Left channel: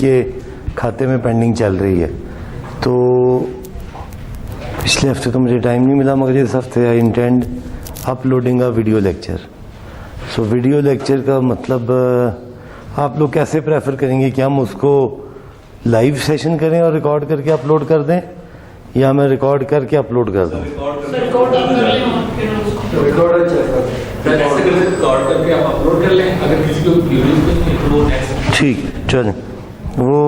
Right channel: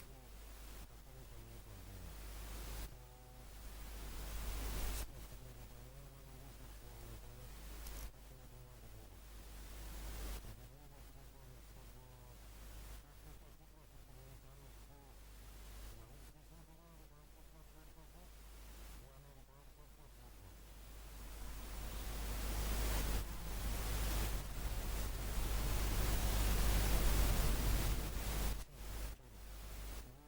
के खाते में पेंडिंग चल रही है। तो पिछले हफ्ते तो मुझे टाइम नहीं मिला, मगर इस हफ्ते I intend uploading a video lecture. So video lecture का मतलब आप लोग कैसे प्रेफर करेंगे कि हम उसको लाइव सेशन करें और रिकॉर्ड करके अपलोड कर दें, या मैं रिकॉर्ड करके अपलोड कर दूं? ठीक, चलें। वो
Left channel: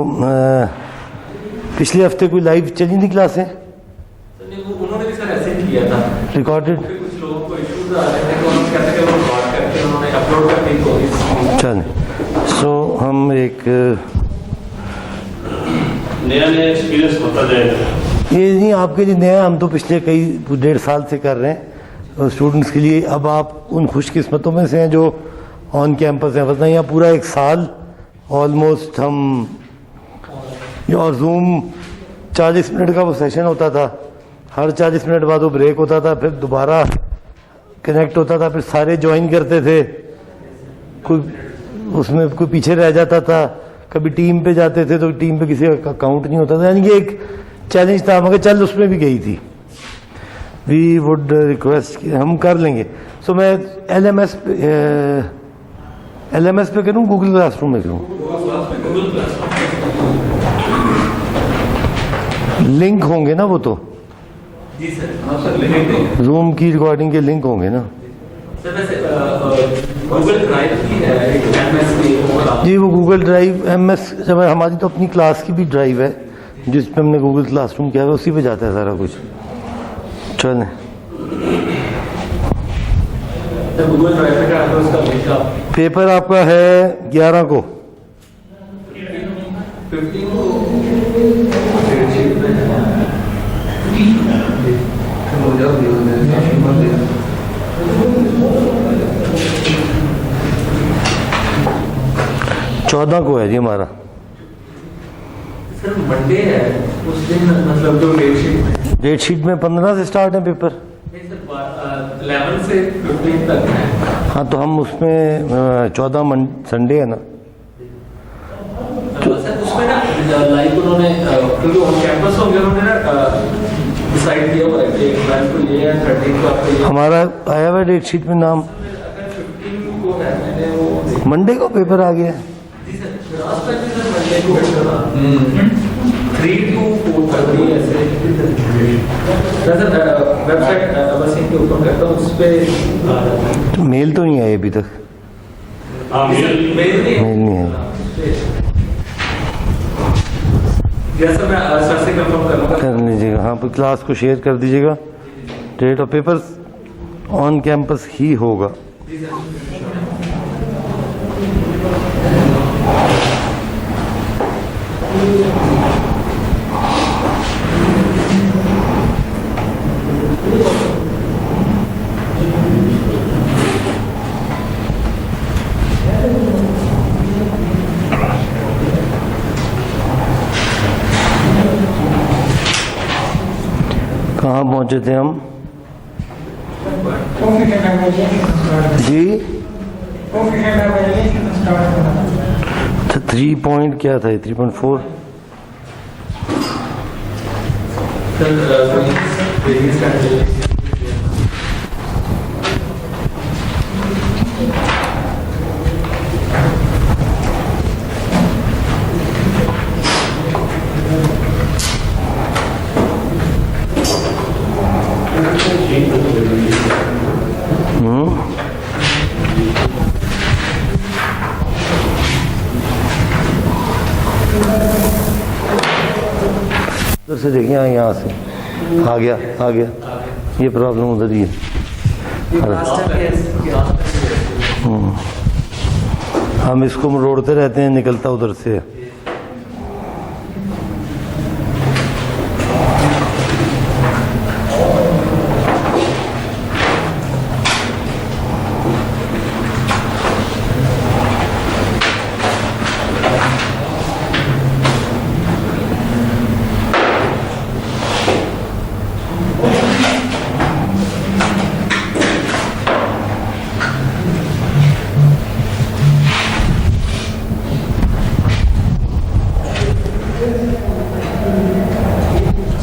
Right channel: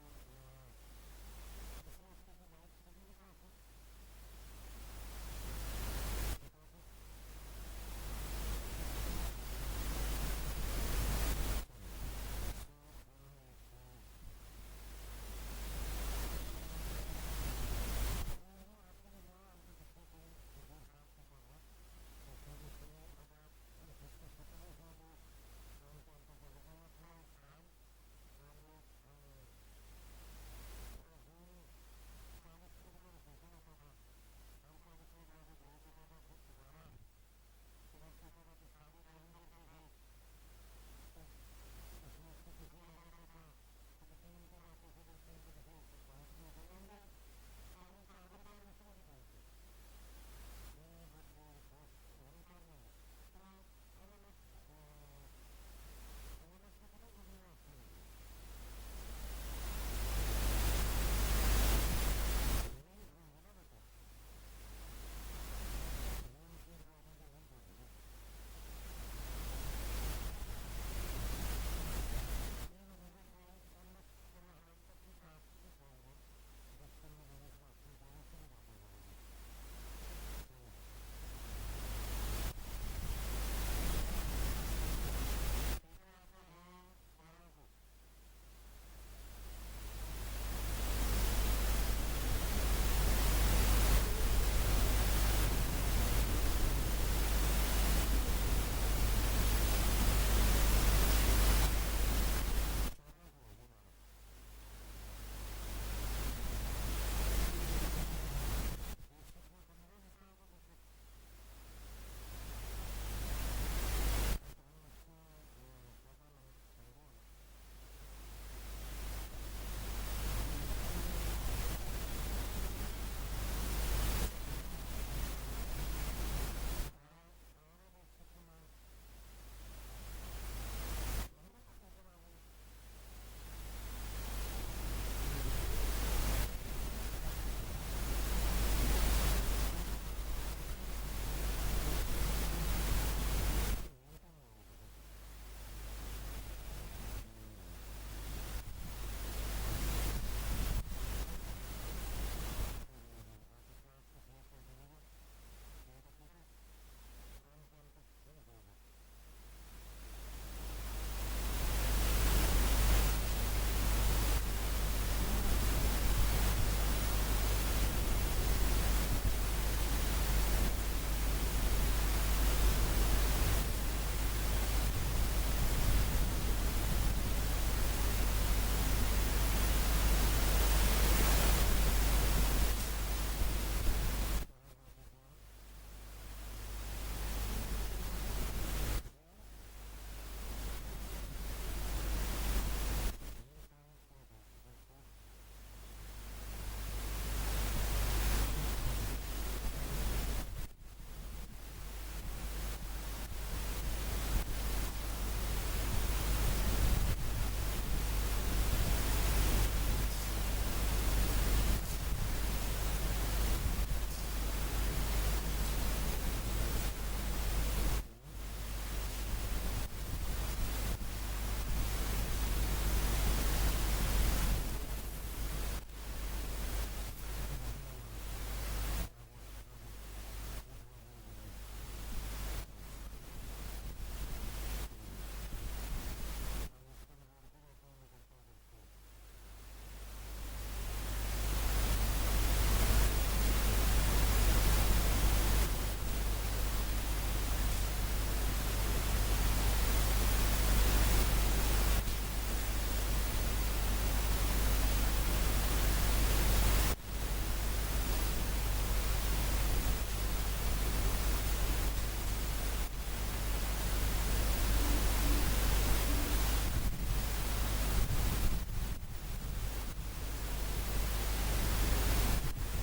पिछले हफ्ते कोई लाइव चली नहीं क्लासें? उन्होंने भी सर ऐसे ही किया था, रिकॉर्डेड। कुछ लोगों को इश्यूज आ रहे थे तो उन्होंने कहते कि वो रिकॉर्ड करके उन्होंने अपलोड कर दी कोई। चलें, सो हम एक नया एक्सपीरियंस होता जाएगा। ये नहीं आपके लिए नया, हम तो पिछले कई 1.5 साल से कर रहे हैं स्टूडेंट्स के लिए। अब आप उन खुशकिस्मतों में से हैं जो ऑन कैंपस हैं, वरना यहाँ पूरा 1 साल ऑलमोस्ट हम, और जूम 40 मिनट का वो सेशन होता था, हर 40 मिनट बाद वो ब्रेक होता था, फिर दोबारा कनेक्ट होता था, फिर सारे ज्वाइन करते थे, कोई उसमें कोई पीछे रह जाता था, कभी टीम पे जाते थे तो टीम पे किसी का अकाउंट नहीं होता था, यानी कि एक चैलेंज था, मगर चल उसमें भी गई थी। वी वुड रिक्वेस्ट हम कर लेंगे। सो मैं LMS पे करूँ, गूगल क्लासरूम में करूँ? लिंक होंगे ना वो तो? जी सर, जूम की रिकॉर्डिंग के लिंक होंगे ना? सर वैसे गूगल ड्राइव की है एक MS की। जी, वो गूगल ड्राइव MS जब हमारी तो अपनी क्लास की भी ड्राइव है जिस पे हमने गूगल क्लासरूम किया है, उसी पे जाता है सारा कुछ। चलें, गूगल ड्राइव पे क्या उसका लिंक आप पेपर आपका है 11 को। 15 14 को है जी हमारा। सर मंडे है उस दिन, मतलब जो डेट शीट में 15 से स्टार्ट है पेपर। नहीं सर 11 से 15 तक है। हाँ, तो हम उसमें 14 संडे है ना, सर उसमें ना लाइव उन्होंने क्योंकि ऑन कैंपस होंगे, उन्होंने ना डिसाइड किया हुआ है कि 12 को ये है, 13 को आपको ये। हमारा आया हुआ डेट शीट में नाम, अगर 15 को है, मैंने वो मंडे को पेपर आ गया। जी sir last time sir Monday को पेपर था 3 to 4:30 ऐसे। सर वेबसाइट बस इनके ऊपर करता हूँ, उस पे तो मेल तो नहीं आई अभी तक? मेल नहीं है। जैसा मैं सर से कंफर्म करूँगा। कर लीजिएगा, हाँ, क्लास को शेयर कर दीजिएगा। Date of paper on campus ही होगा। कहाँ पहुंचे थे हम जी? 3 पॉइंट क्या था? 3.4। उधर से देखिए, यहाँ से आ गया ये प्रॉब्लम उधर ही है। हम इसको मरोड़ते रहते हैं, निकलता उधर से है।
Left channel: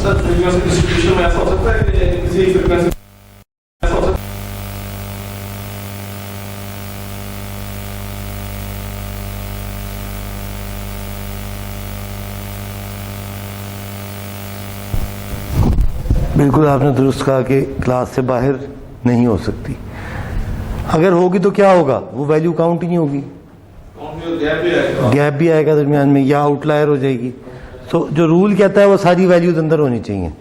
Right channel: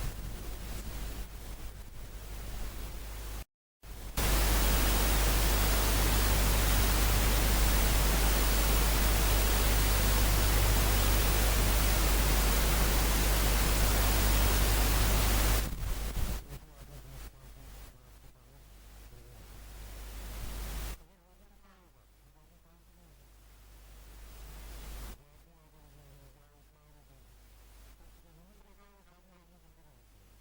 सर फ्रीक्वेंसी डिस्ट्रीब्यूशन में ऐसा हो सकता है कि किसी फ्रीक्वेंसी ऐसा हो सकता है बिल्कुल आपने दुरुस्त कहा कि क्लास से बाहर नहीं हो सकती। अगर होगी तो क्या होगा, वो वैल्यू काउंट ही नहीं होगी, गैप भी आएगा। गैप भी आएगा दरमियान में या आउटलायर हो जाएगी। तो जो रूल कहता है वो सारी वैल्यूज अंदर होनी चाहिए,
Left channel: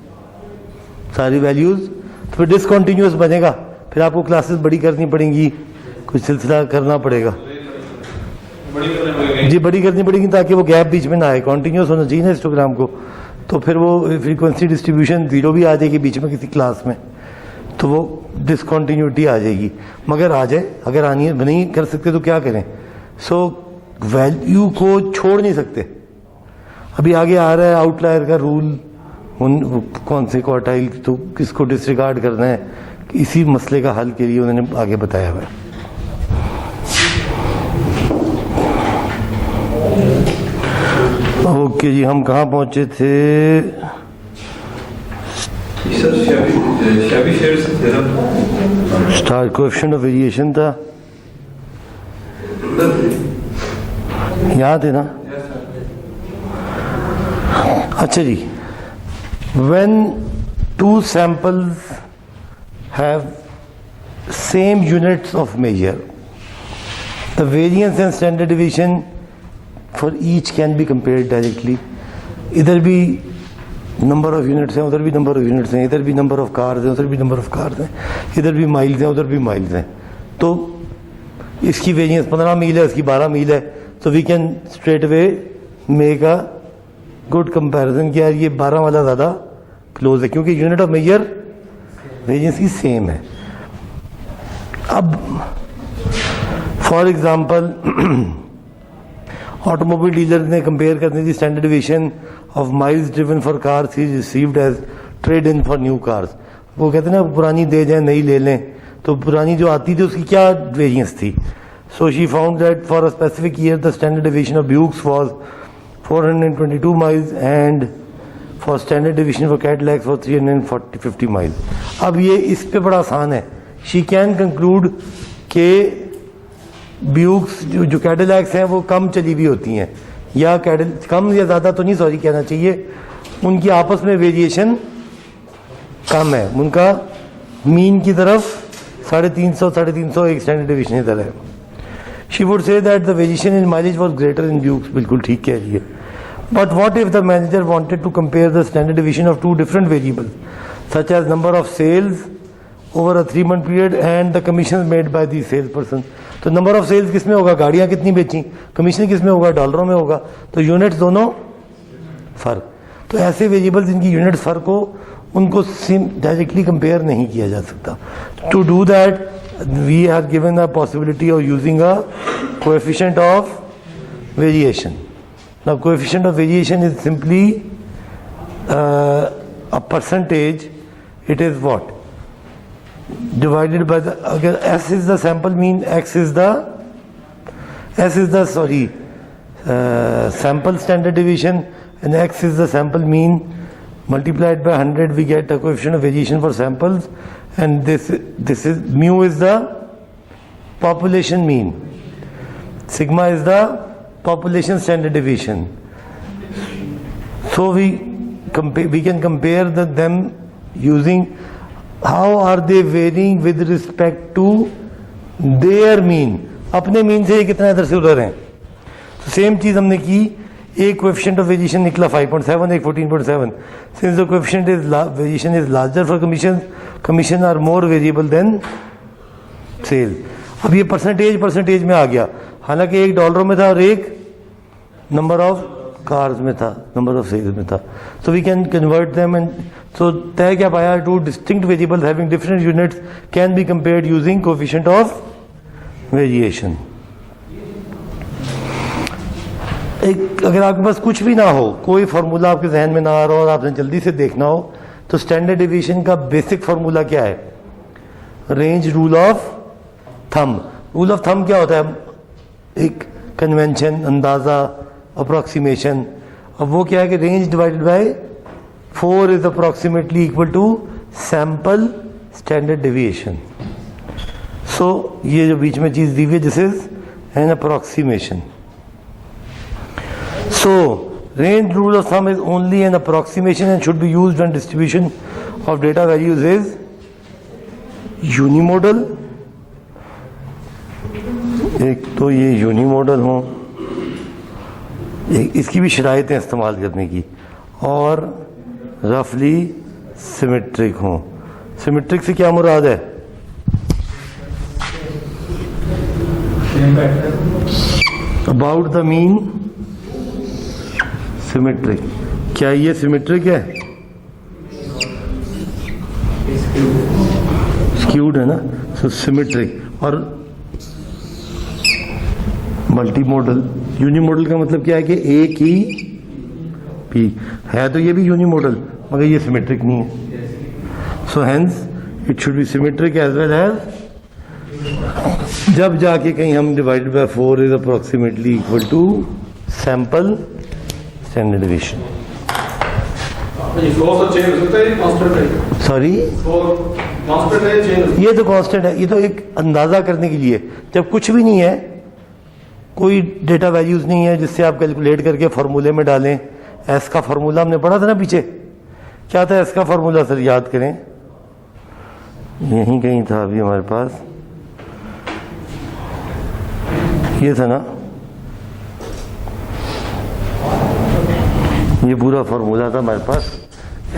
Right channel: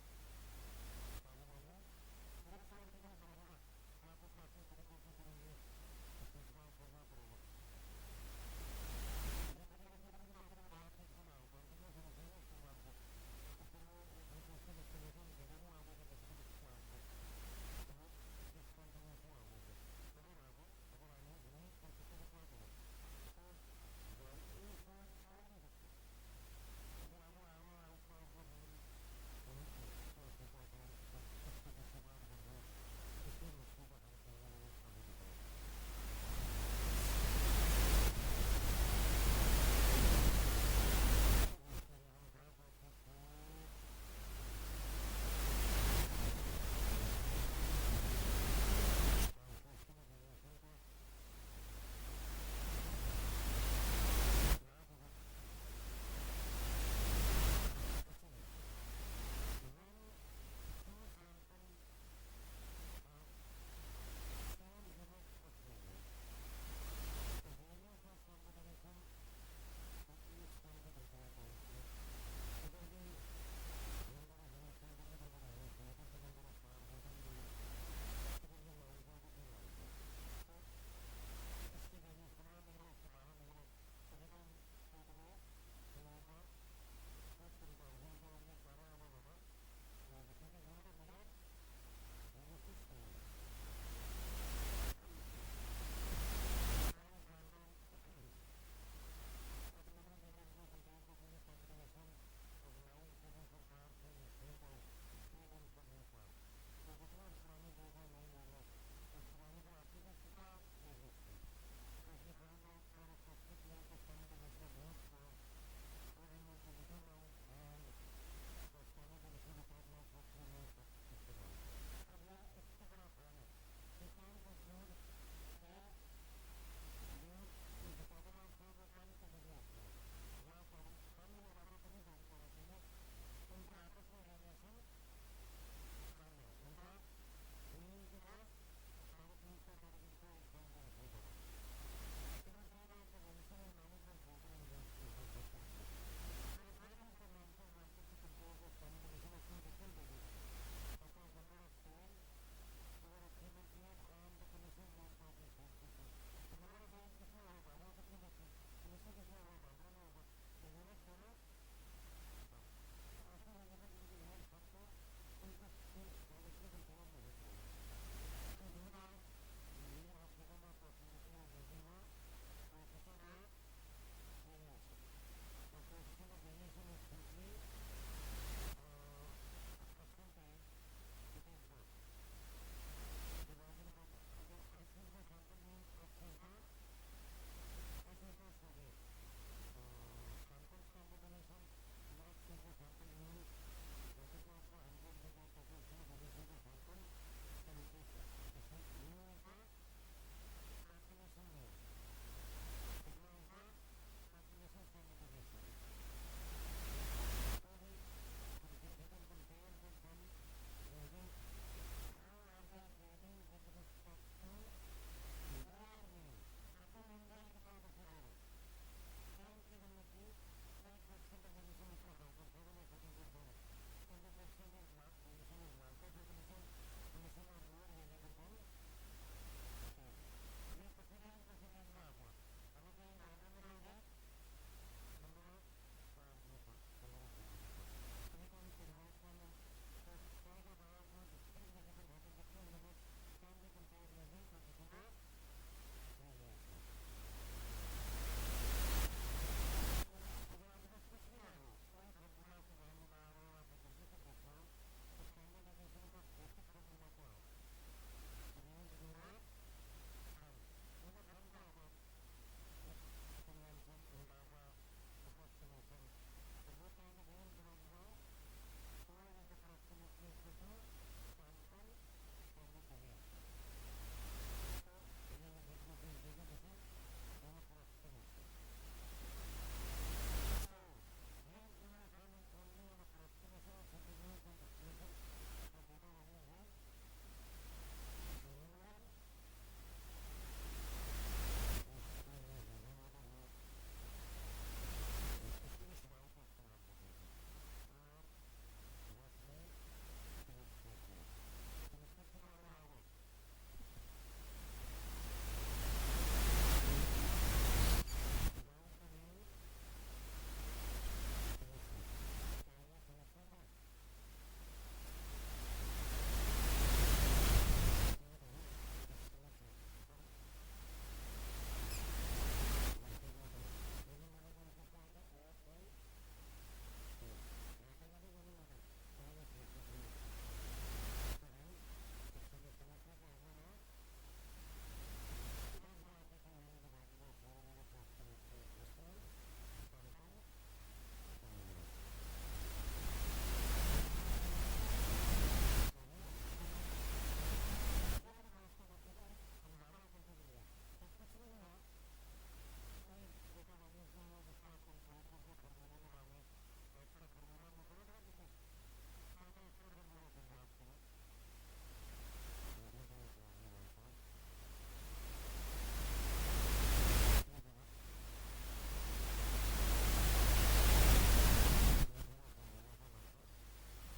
सारी वैल्यूज। तो फिर डिसकंटिन्यूअस बनेगा, फिर आपको क्लासेस बड़ी करनी पड़ेंगी, कुछ सिलसिला करना पड़ेगा। बड़ी करने पड़ेगी। जी बड़ी करनी पड़ेगी ताकि वो गैप बीच में ना आए, कॉन्टिन्यूस होना चाहिए ना हिस्टोग्राम को। तो फिर वो फ्रीक्वेंसी डिस्ट्रीब्यूशन जीरो भी आ जाएगी बीच में किसी क्लास में, तो वो डिसकॉन्टीन्यूटी आ जाएगी। मगर आ जाए, अगर आनी है नहीं कर सकते तो क्या करें। सो वैल्यू को छोड़ नहीं सकते। अभी आगे आ रहा है आउटलायर का रूल, उन कौन से क्वार्टाइल तो किसको डिसरिगार्ड करना है, इसी मसले का हल के लिए उन्होंने आगे बताया हुआ है। ओके जी, हम कहाँ पहुंचे थे? Sir शेबी shares theorem star coefficient of variation था, याद है ना? अच्छा जी, when two samples have same units of measure, the variance and standard deviation for each can be compared directly. इधर भी नंबर ऑफ यूनिट्स हैं, उधर भी नंबर ऑफ यूनिट्स हैं, इधर भी नंबर ऑफ कार्स हैं, उधर भी नंबर ऑफ कार्स हैं, इधर भी माइल्स हैं, उधर भी माइल्स हैं। तो इसकी वेरिएंस 15 मील है, इसकी 12 मील है, तो we can straight away make a good comparison कि यार ये 12 वाला ज़्यादा क्लोज है, क्योंकि यूनिट ऑफ मेजर वेरिएंस की सेम है। अब फॉर एग्जांपल ऑटोमोबाइल डीलर ने कंपेयर करनी थी standard deviation of miles driven for cars he received as trade in for new cars. वो कहते हैं ना पुरानी दे जाए नई ले लें, तो पुरानी जो आती थी उसकी क्या वेरिएंस थी। So she found that for a specific year the standard deviation of Buicks was 422 miles and for standard deviation for Cadillacs for 350 miles. अब ये इस पे बड़ा आसान है। शी कैन कंक्लूड के ब्यूक्स जो कैडिलैक्स हैं वो कम चली हुई होती हैं, या कम या ज़्यादा तो नहीं सॉरी कहना चाहिए, उनकी आपस में वेरिएशन कम है, उनका मीन की तरफ 350 एक स्टैंडर्ड डेविएशन इधर है। She would say that the variation in mileage was greater in Buicks, बिल्कुल ठीक कह रही है। But what if the manager wanted to compare the standard deviation of two different variables such as number of sales over a 3 month period and the commission made by the sales person. तो number of sales किस में होगा, गाड़ियाँ कितनी बेची, commission किस में होगा, डॉलरों में होगा, तो यूनिट्स दोनों फर्क। तो ऐसे वेरिएबल्स जिनकी यूनिट फर्क हो उनको डायरेक्टली कंपेयर नहीं किया जा सकता। To do that we are given a possibility of using a coefficient of variation. Now coefficient of variation is simply a percentage. It is what? Divided by the, agar S is the sample mean, X is the sample standard deviation, and X is the sample mean, multiplied by 100 we get a coefficient of variation for samples. And this is mu is the population mean, sigma is the population standard deviation. So we can compare them using how are they varying with respect to their mean. अपने mean से ये कितना इधर से उधर हैं। Same चीज हमने की, एक कोएफिशिएंट ऑफ वेरिएशन निकला 5.7, एक 14.7. Since the coefficient is variation is larger for commission are more variable than sales. अब ये परसेंटेज में आ गया, हालांकि एक डॉलरों में था और एक नंबर ऑफ कार्स में था, नंबर ऑफ सेल्स में था. So we can convert them and so तय क्या पाया, two distinct variables having different units can be compared using coefficient of variation. एक अगर आपके पास कुछ भी ना हो, कोई फार्मूला आपके जहन में ना आ रहा हो और आपने जल्दी से देखना हो, तो स्टैंडर्ड डेविएशन का बेसिक फार्मूला क्या है? Range rule of thumb. Rule of thumb क्या होता है? एक कन्वेंशन, अंदाज़ा, अप्रॉक्सीमेशन, अब वो क्या है कि range divided by 4 is approximately equal to sample standard deviation. So ये जो बीच में चीज दी हुई है this is an approximation. So range rule of thumb is only an approximation and should be used when distribution of data values is unimodal. एक तो ये यूनिमोडल हो, इसकी भी शराइतें इस्तेमाल करने की, और रफली सिमेट्रिक हो. सिमेट्रिक से क्या मुराद है? About the mean symmetric. क्या ये सिमेट्रिक है? स्क्यूड है ना. सो सिमेट्रिक. और मल्टीमोडल. यूनिमोडल का मतलब क्या है कि एक ही पी है, तो ये भी यूनिमोडल मगर ये सिमेट्रिक नहीं है. So hence it should be symmetric as well as जब जाके कहीं हम divided by 4 is approximately equal to sample standard deviation. ये फ्लो से चेंज हो सकता है, कांस्टेंट है. सॉरी, फ्लो कांस्टेंट है, चेंज. ये तो कांस्टेंट है. ये तो एक अंदाजा करने के लिए, जब कुछ भी नहीं है, कोई डेटा वैल्यूज नहीं है जिससे आप कैलकुलेट करके फॉर्मूले में डालें. एस का फॉर्मूला हमने पढ़ा था ना पीछे. क्या था एस का फॉर्मूला सर? याद करें, यहीं कहीं था अभी हमारे पास. ये था ना, ये पूरा फॉर्मूला था हमारे पास.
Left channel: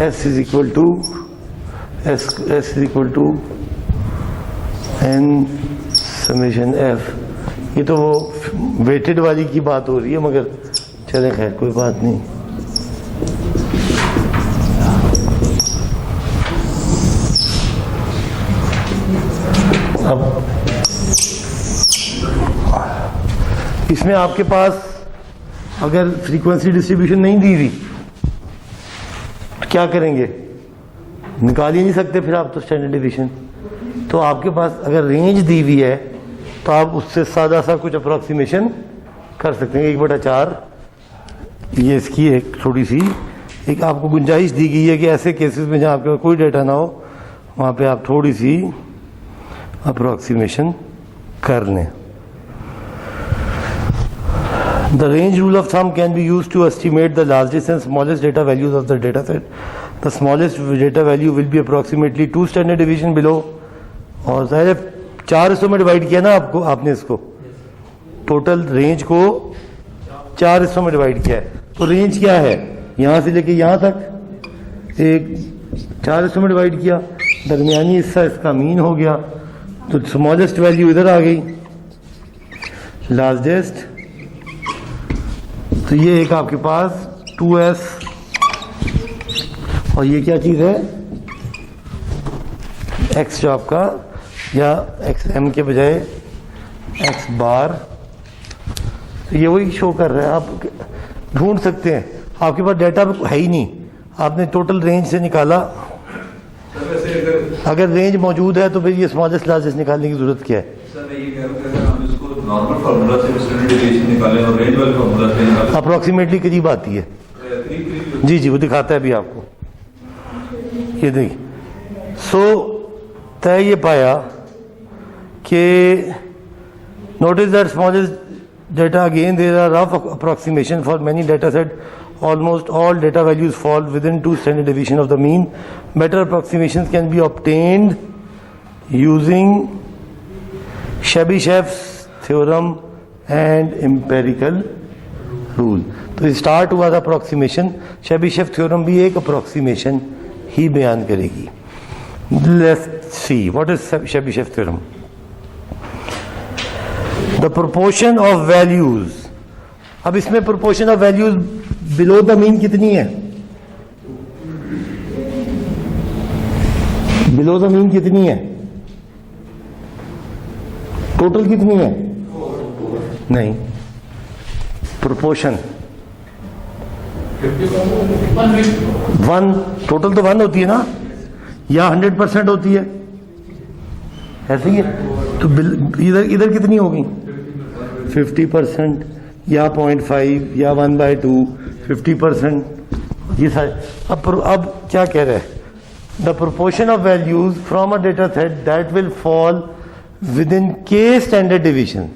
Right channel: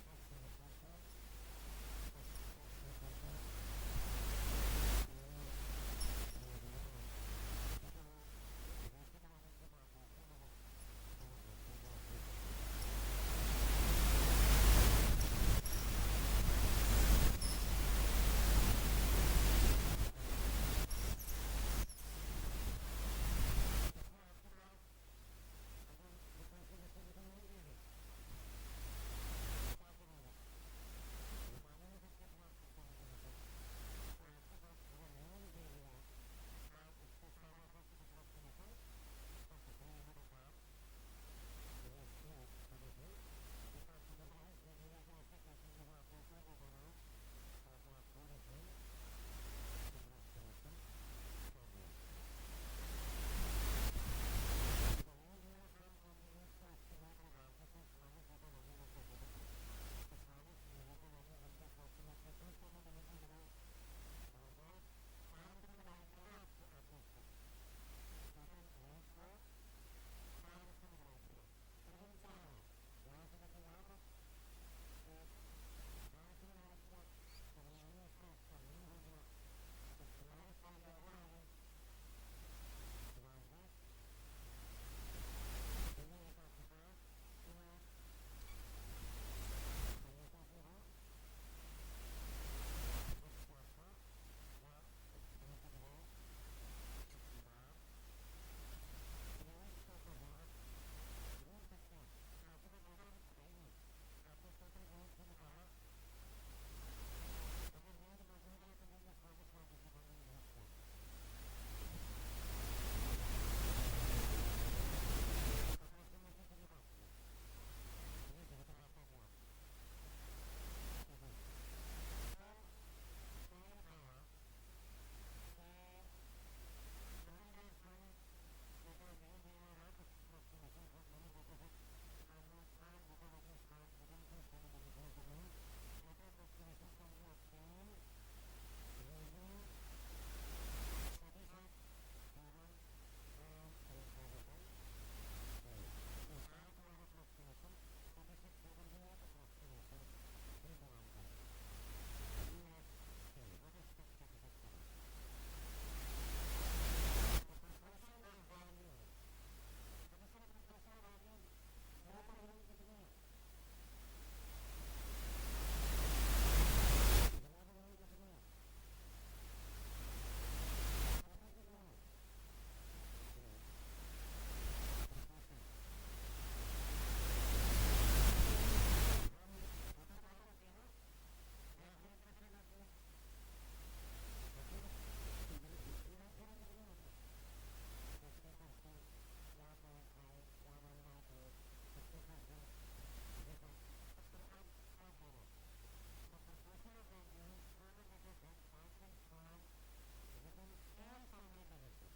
S is equal to S is equal to N summation F. ये तो वो वेटेड वाली की बात हो रही है, मगर चले खैर कोई बात नहीं. अब इसमें आपके पास अगर फ्रीक्वेंसी डिस्ट्रीब्यूशन नहीं दी हुई तो क्या करेंगे? निकाल ही नहीं सकते फिर आप तो स्टैंडर्ड डेविएशन. तो आपके पास अगर रेंज दी हुई है तो आप उससे सादा सा कुछ अप्रॉक्सीमेशन कर सकते हैं. 1/4 ये इसकी एक थोड़ी सी एक आपको गुंजाइश दी गई है कि ऐसे केसेस में जहाँ आपके पास कोई डेटा ना हो वहाँ पे आप थोड़ी सी अप्रॉक्सीमेशन कर लें. The range rule of thumb can be used to estimate the largest and smallest data values of the data set. The smallest data value will be approximately 2 standard deviation below. और सारे 4 हिस्सों में divide किया ना आपने इसको, total range को 4 हिस्सों में डिवाइड किया है. तो रेंज क्या है? यहाँ से लेके यहाँ तक एक 4 हिस्सों में डिवाइड किया. दरमियानी हिस्सा इसका मीन हो गया, तो स्मॉलेस्ट वैल्यू इधर आ गई, लार्जेस्ट. तो ये एक आपके पास 2s, और ये क्या चीज़ है? x जो आपका, या xm के बजाय x बार. तो ये वही शो कर रहा है. आप ढूंढ सकते हैं, आपके पास डाटा है ही नहीं, आपने टोटल रेंज से निकाला. अगर रेंज मौजूद है तो फिर ये स्मॉलेस्ट लार्जेस्ट निकालने की जरूरत क्या है? नॉर्मल फार्मूला से स्टैंडर्ड डेविएशन निकालें और रेंज वाले फार्मूला से निकालें, अप्रॉक्सीमेटली करीब आती है. जी जी, वो दिखाता है अभी आपको. ये देखिए. सो तय ये पाया कि notice that smallest data, again there are rough approximation for many data set. Almost all data values fall within 2 standard deviation of the mean. Better approximations can be obtained using Chebyshev's theorem and empirical rule. तो start हुआ था approximation. Chebyshev theorem भी एक approximation ही बयान करेगी. Let's see what is Chebyshev theorem. The proportion of values. अब इसमें proportion of values below the mean कितनी है? बिलो द मीन कितनी है? टोटल कितनी है? नहीं, प्रोपोर्शन 1. टोटल तो 1 होती है ना, या 100% होती है, ऐसे ही है. तो इधर कितनी होगी? 50% या 0.5 या 1/2 50%, ये सारे। अब क्या कह रहे हैं, the proportion of values from a data set that will fall within K standard division.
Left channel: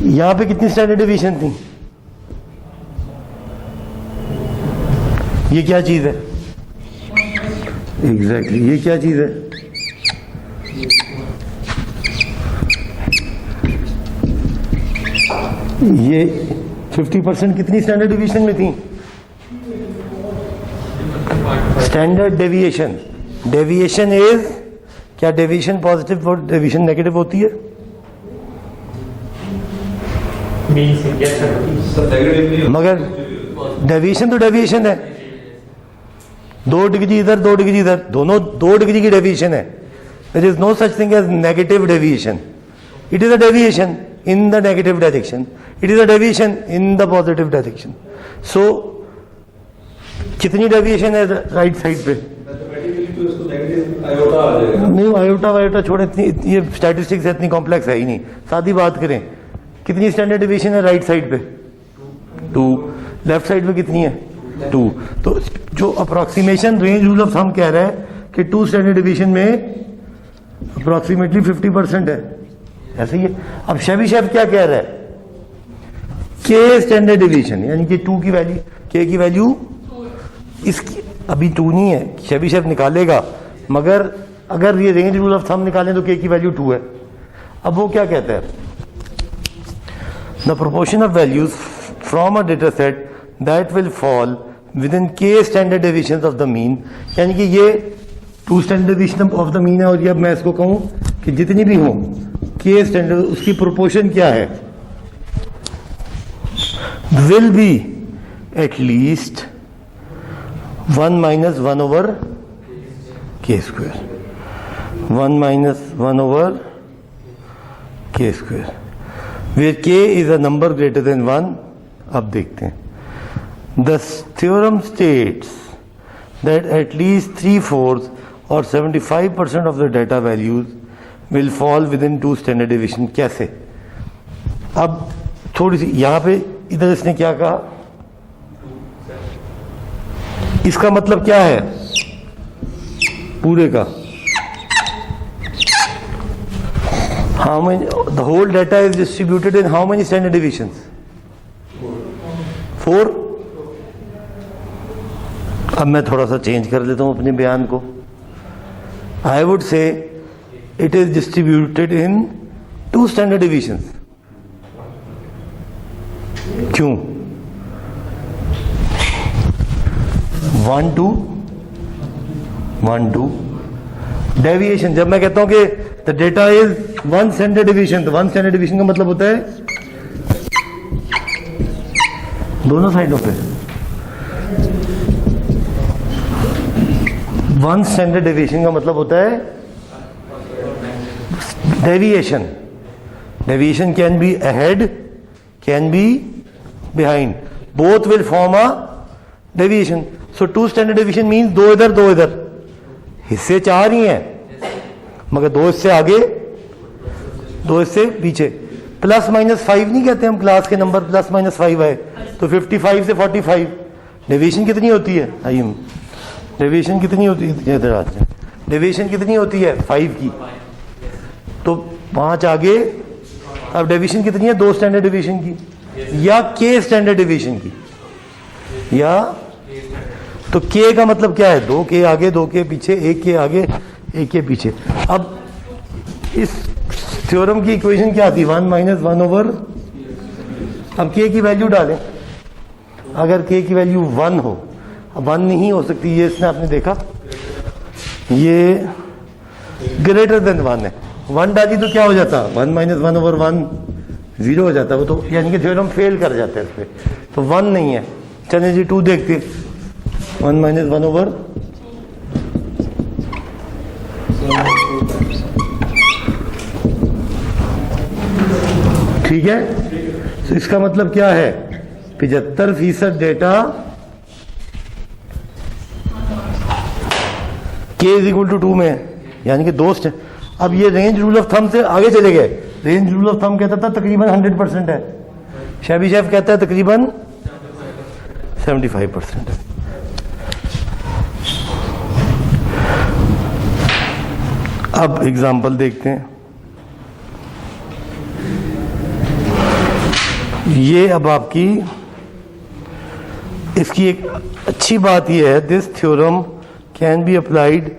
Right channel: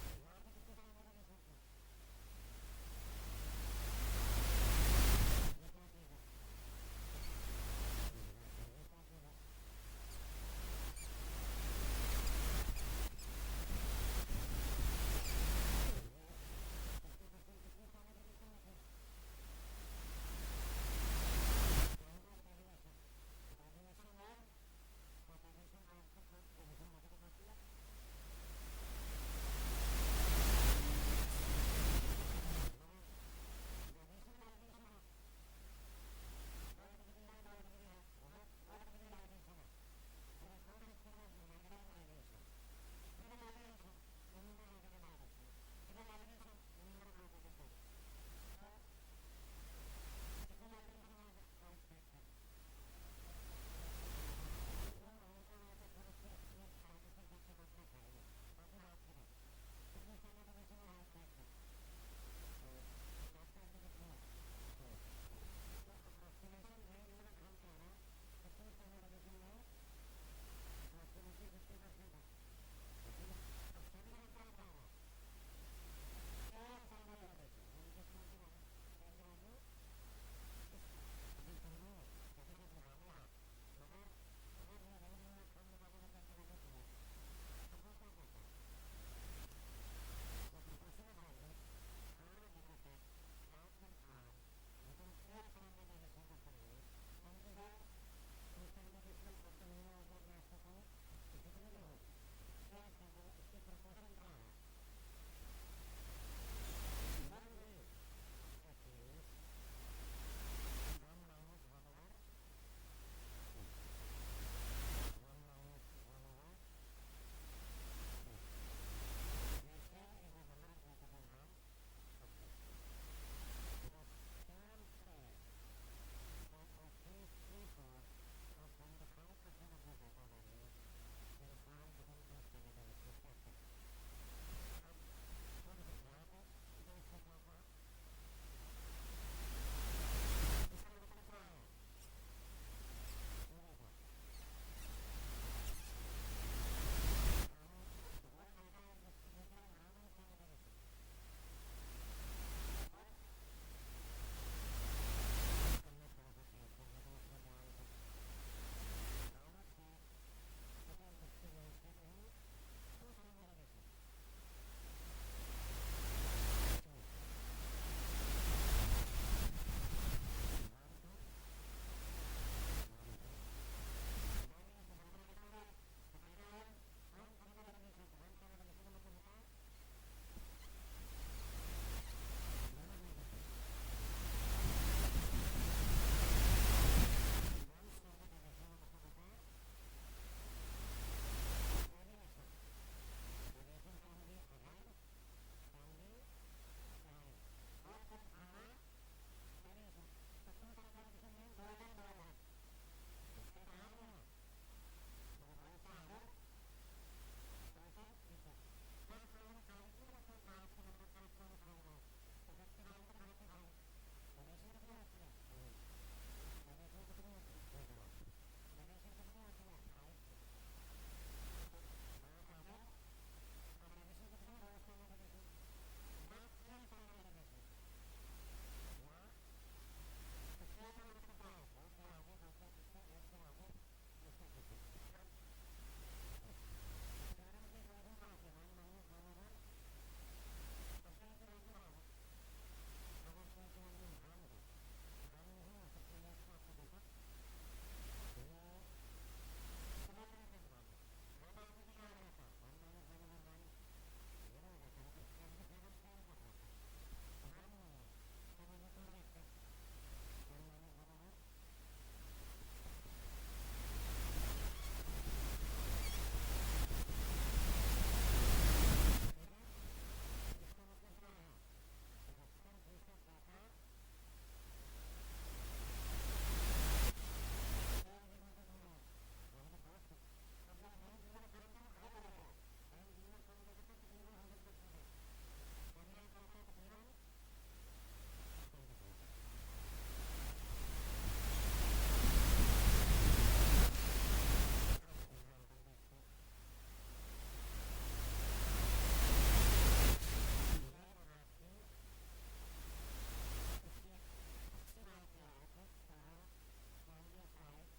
यहां पे कितनी स्टैंडर्ड डिविजन थी? ये क्या चीज है? एग्जैक्टली ये क्या चीज है? ये 50% कितनी स्टैंडर्ड डिवीजन में थी? Standard deviation. डेविएशन इज, क्या डेविएशन पॉजिटिव और डेविएशन नेगेटिव होती है? सर नेगेटिव नहीं मगर डेविएशन तो डेविएशन है, 2 डिग्री इधर 2 डिग्री इधर, दोनों 2 डिग्री की डेविएशन है। There is no such thing as negative deviation. It is a deviation in the negative direction, it is a deviation in the positive direction. So कितनी deviation है right side पे? नहीं, iota वायोटा छोड़े, इतनी ये statistics इतनी complex है ही नहीं। सादी बात करें, कितनी स्टैंडर्ड डेविएशन है राइट साइड पे? 2। लेफ्ट साइड पे कितनी है? 2। तो जो approximation range rule of thumb कह रहा है कि 2 स्टैंडर्ड डेविएशन में अप्रोक्सीमेटली 50% है, ऐसे ही है। अब शेबिशेव क्या कह रहा है? के स्टैंडर्ड डिवीजन, यानी कि 2 की वैल्यू, के की वैल्यू इसकी अभी 2 नहीं है, शेबिशेव निकालेगा, मगर अगर ये रेंज रूल ऑफ थंब निकालें तो के की वैल्यू 2 है। अब वो क्या कहता है, the proportion of values from a data set that will fall within K standard division of the mean, यानी कि ये 2 standard division of the mean है, और ये अब मैं इसको कहूं कि जितनी भी हो के स्टैंडर्ड, उसकी प्रोपोर्शन क्या है? Will be at least 1 - 1 over k square, 1 - 1 over k square, where k is a number greater than 1. अब देखते हैं, the theorem states that at least 3/4 or 75% of the data values will fall within 2 standard deviation. कैसे? अब थोड़ी सी यहां पे इधर इसने क्या कहा, इसका मतलब क्या है पूरे का? How many, the whole data is distributed in how many standard divisions? 4। अब मैं थोड़ा सा चेंज कर लेता हूं अपने बयान को। I would say it is distributed in 2 standard deviations. क्यों? 1 2 1 2 डेविएशन। जब मैं कहता हूं कि the data is 1 standard division, तो 1 स्टैंडर्ड डिवीजन का मतलब होता है दोनों साइडों पे 1 स्टैंडर्ड डिवीजन का मतलब होता है deviation. Deviation can be ahead, can be behind. Both will form a deviation. So 2 standard deviation means 2 इधर 2 इधर, हिस्से 4 ही हैं, मगर 2 इससे आगे 2 इससे पीछे। +- 5 नहीं कहते हम, क्लास के नंबर +- 5 है तो 55 से 45 डेविएशन कितनी होती है? आइए, डेविएशन कितनी होती है? डेविएशन कितनी होती है? 5 की, तो 5 आगे। अब डिवीजन कितनी है? 2 स्टैंडर्ड डिवीजन की या के स्टैंडर्ड डिवीजन की, या तो के का मतलब क्या है? 2 के आगे 2 के पीछे, 1 के आगे 1 के पीछे। अब इस थ्योरम की इक्वेशन क्या आती? 1 - 1 over, अब के की वैल्यू डालें, अगर के की वैल्यू 1 हो, अब 1 नहीं हो सकती, ये इसने आपने देखा, ये ग्रेटर देन 1 है। 1 डाली तो क्या हो जाता? 1 - 1 over 1 0 हो जाता, वो तो यानी कि थ्योरम फेल कर जाता है इस पे, तो 1 नहीं है। चलिए जी 2 देखते, 1 - 1 over, ठीक है। तो इसका मतलब क्या है? 75% डेटा k = 2 में है, यानी कि 2। अब ये रेंज रूल ऑफ थंब से आगे चले गए। रेंज रूल ऑफ थंब कहता था तकरीबन 100% है, शेबिशेव कहता है तकरीबन 75% है। अब एग्जाम्पल देखते हैं। ये अब आपकी इसकी एक अच्छी बात यह है, this theorem can be applied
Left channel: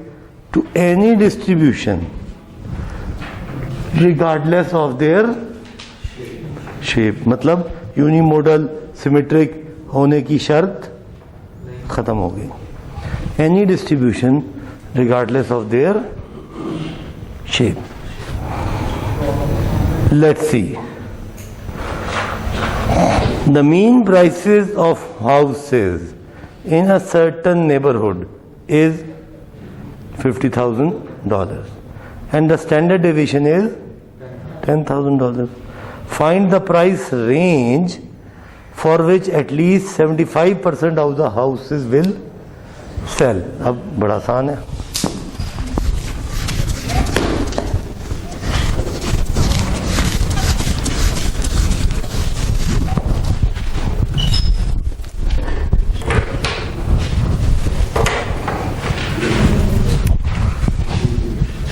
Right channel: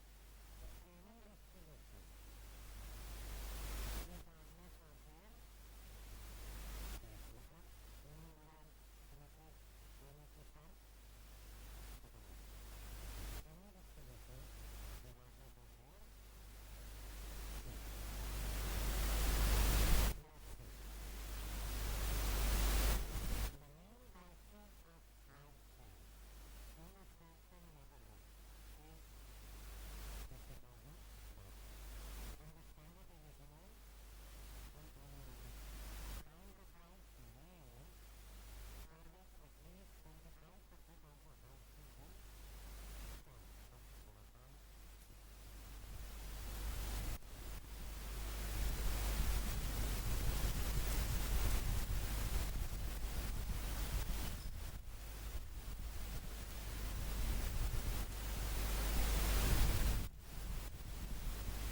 to any distribution regardless of their shape. मतलब यूनिमोडल सिमेट्रिक होने की शर्त खत्म हो गई। Any distribution regardless of their shape. Let's see, the mean prices of houses in a certain neighborhood is $50,000 and the standard deviation is $10,000. Find the price range for which at least 75% of the houses will sell. अब बड़ा आसान है।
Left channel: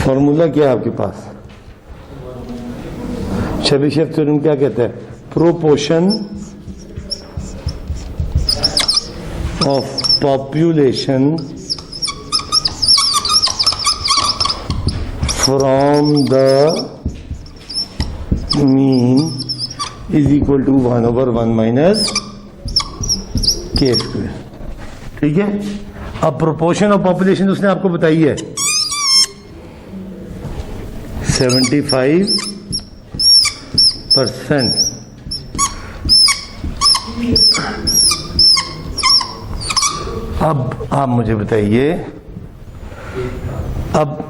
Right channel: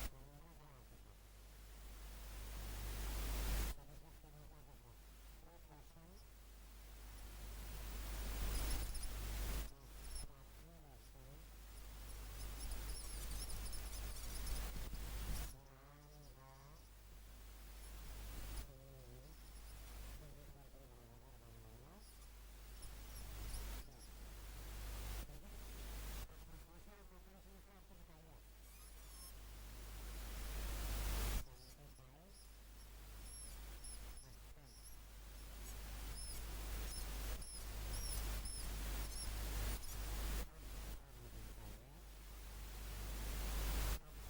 Formula क्या है आपके पास? शेबिशेव theorem क्या कहता है? Proportion of population from the mean is equal to 1/1 minus K square. ठीक है। अब प्रोपोर्शन ऑफ पॉपुलेशन उसने आपको बताई है 75%। अब आप मुझे बताइए, अब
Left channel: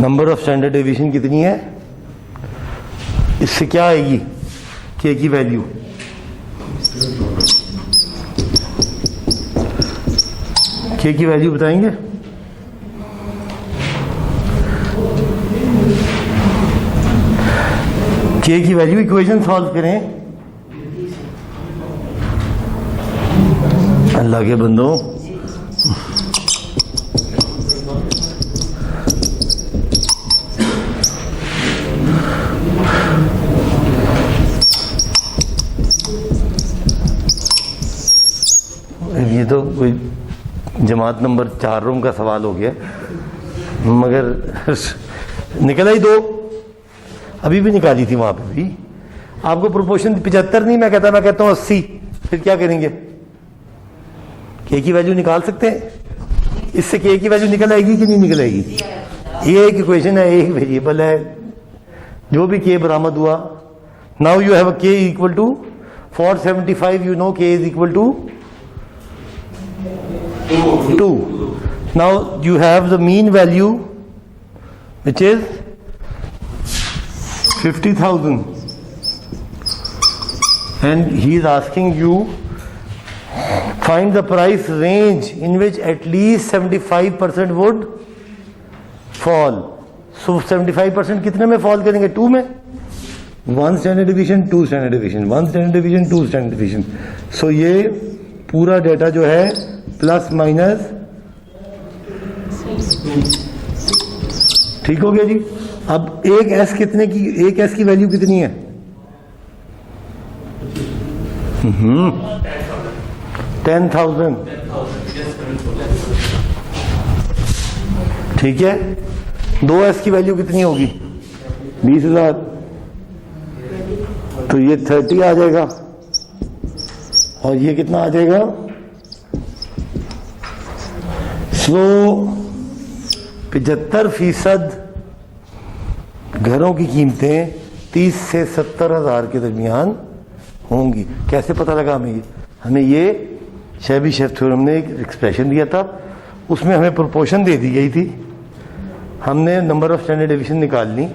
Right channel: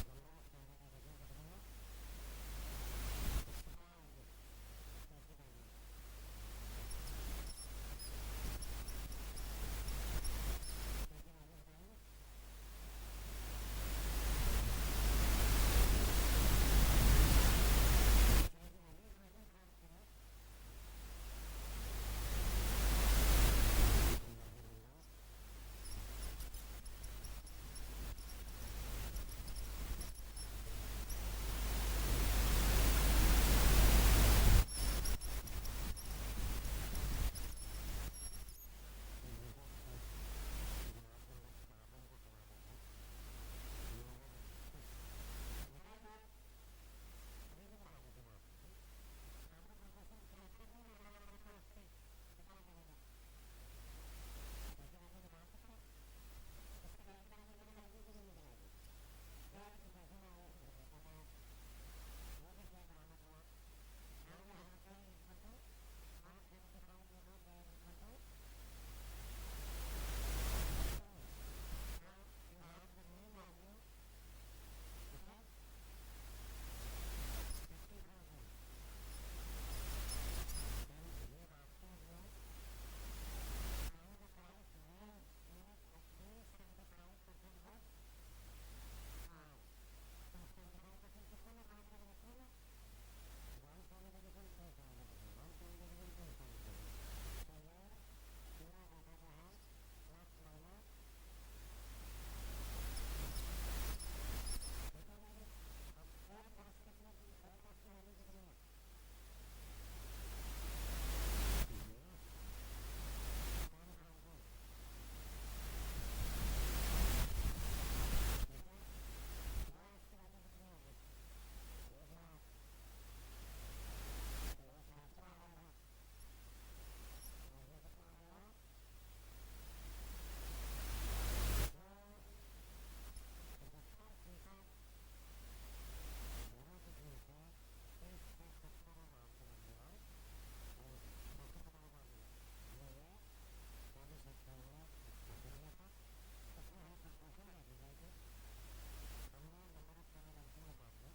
नंबर ऑफ स्टैंडर्ड डेविएशन कितनी है? इससे क्या आएगी के की वैल्यू? के की वैल्यू बताएंगे? के की वैल्यू इक्वेशन सॉल्व करें। अल्लाह के बंदों, ये तो कोई जमात नंबर 4 रूम का सवाल हो गया, मगर निकला ही 2। अभी भी निकाली थी वहां पे भी। आपको प्रोपोर्शन 75 नहीं, मैं कहता हूं 80। फिर क्या करेंगे? के की वैल्यू निकाल सकते हैं। इससे के की वैल्यू निकल आएगी कि नहीं निकल आएगी? ये एक इक्वेशन है, एक वेरिएबल है, जो भी के बरामद हुआ। Now you have K equal to 475, you know K is equal to 2. Now you have the mean value which is 50,000 and he is asking you find the price range in which at least 75% would fall. So 75% कितने में fall करेंगे? 2 में। 1 standard deviation, 2 standard deviation, 1 standard deviation, 2 standard deviation. So ये पूरा data जो है plus minus, ठीक हो गया जी। अब एक एस कितने की, एक एस की वैल्यू कितनी है? 10,000। ठीक है। 2 एस की वैल्यू कितनी होगी? 20,000। तो ये 30 आ जाएगा और ये कितना आ जाएगा? सो 75% घरों की कीमतें 30 से 70,000 के दरमियान होंगी। कैसे पता लगा हमें? हमें ये शेबिशेव थ्योरम ने एक एक्सप्रेशन दिया था, उसमें हमें प्रोपोर्शन दे दी गई थी। हमने नंबर ऑफ स्टैंडर्ड डेविएशन निकाल ली,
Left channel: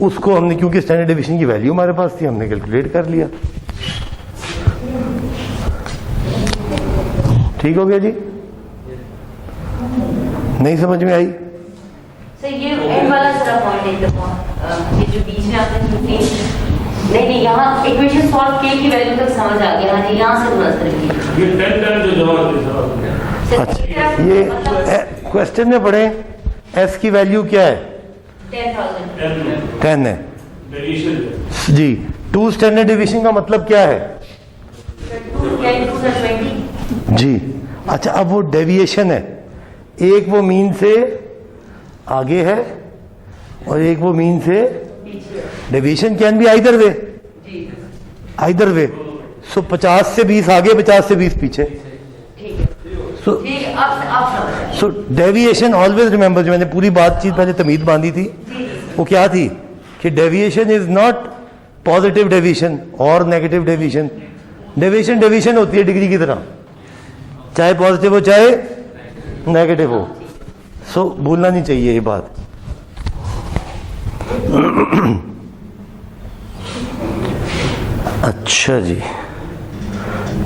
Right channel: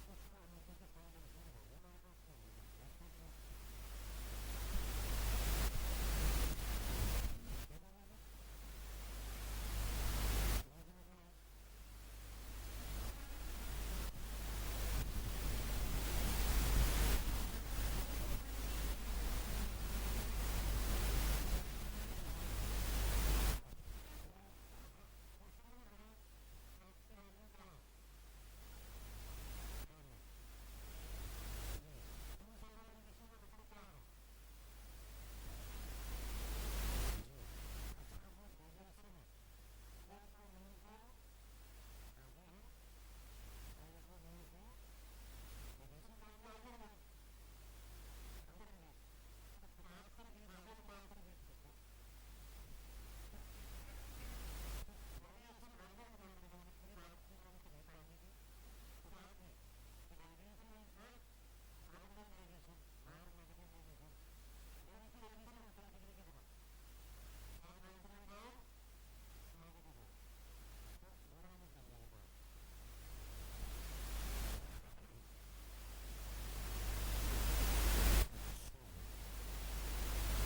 उसको हमने, क्योंकि स्टैंडर्ड डेविएशन की वैल्यू हमारे पास थी, हमने कैलकुलेट कर लिया। ठीक हो गया जी? नहीं समझ में आई? सर ये एंड वाला जरा पॉइंट एकदम ये जो बीच में आपने 15 नहीं, यहाँ इक्वेशन सॉल्व के की वैल्यू तक समझ आ गया। हाँ जी, यहाँ से थोड़ा सा रिपीट। ये 10 जो जमा होती है अच्छा, ये क्वेश्चन में पढ़े एस की वैल्यू क्या है? 10,000। 10 है डेविएशन जी। 2 स्टैंडर्ड डिवीजन का मतलब क्या है? 20। जी अच्छा, अब वो डेविएशन है, एक वो मीन से आगे है और एक वो मीन से। Deviation can be either way, either way. So 50 से 20 आगे, 50 से 20 पीछे। ठीक है, सो ठीक है, अब समझ आया। सो डेविएशन ऑलवेज रिमेंबर, जो मैंने पूरी बातचीत पहले तमीद बांधी थी वो क्या थी कि deviation is not positive deviation और नेगेटिव डेविएशन। डेविएशन डेविएशन होती है डिग्री की तरह, चाहे पॉजिटिव हो चाहे नेगेटिव हो। सो भूलना नहीं चाहिए ये बात। अच्छा जी,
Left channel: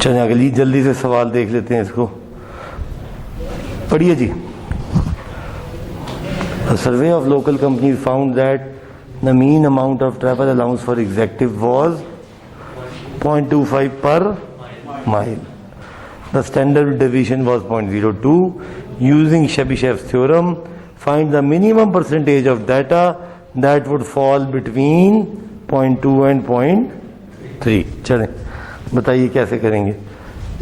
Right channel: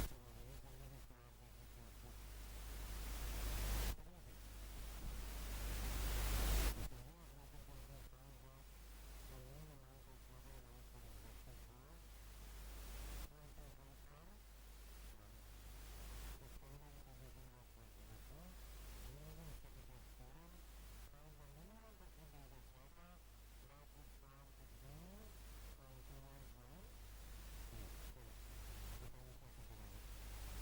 चलिए अगली जल्दी से सवाल देख लेते हैं, इसको पढ़िए जी। A survey of local companies found that the mean amount of travel allowance for executive was 0.25 per mile. The standard deviation was 0.02. Using Chebyshev's theorem, find the minimum percentage of data that would fall between 0.2 and 0.3. चलें, बताइए कैसे करेंगे।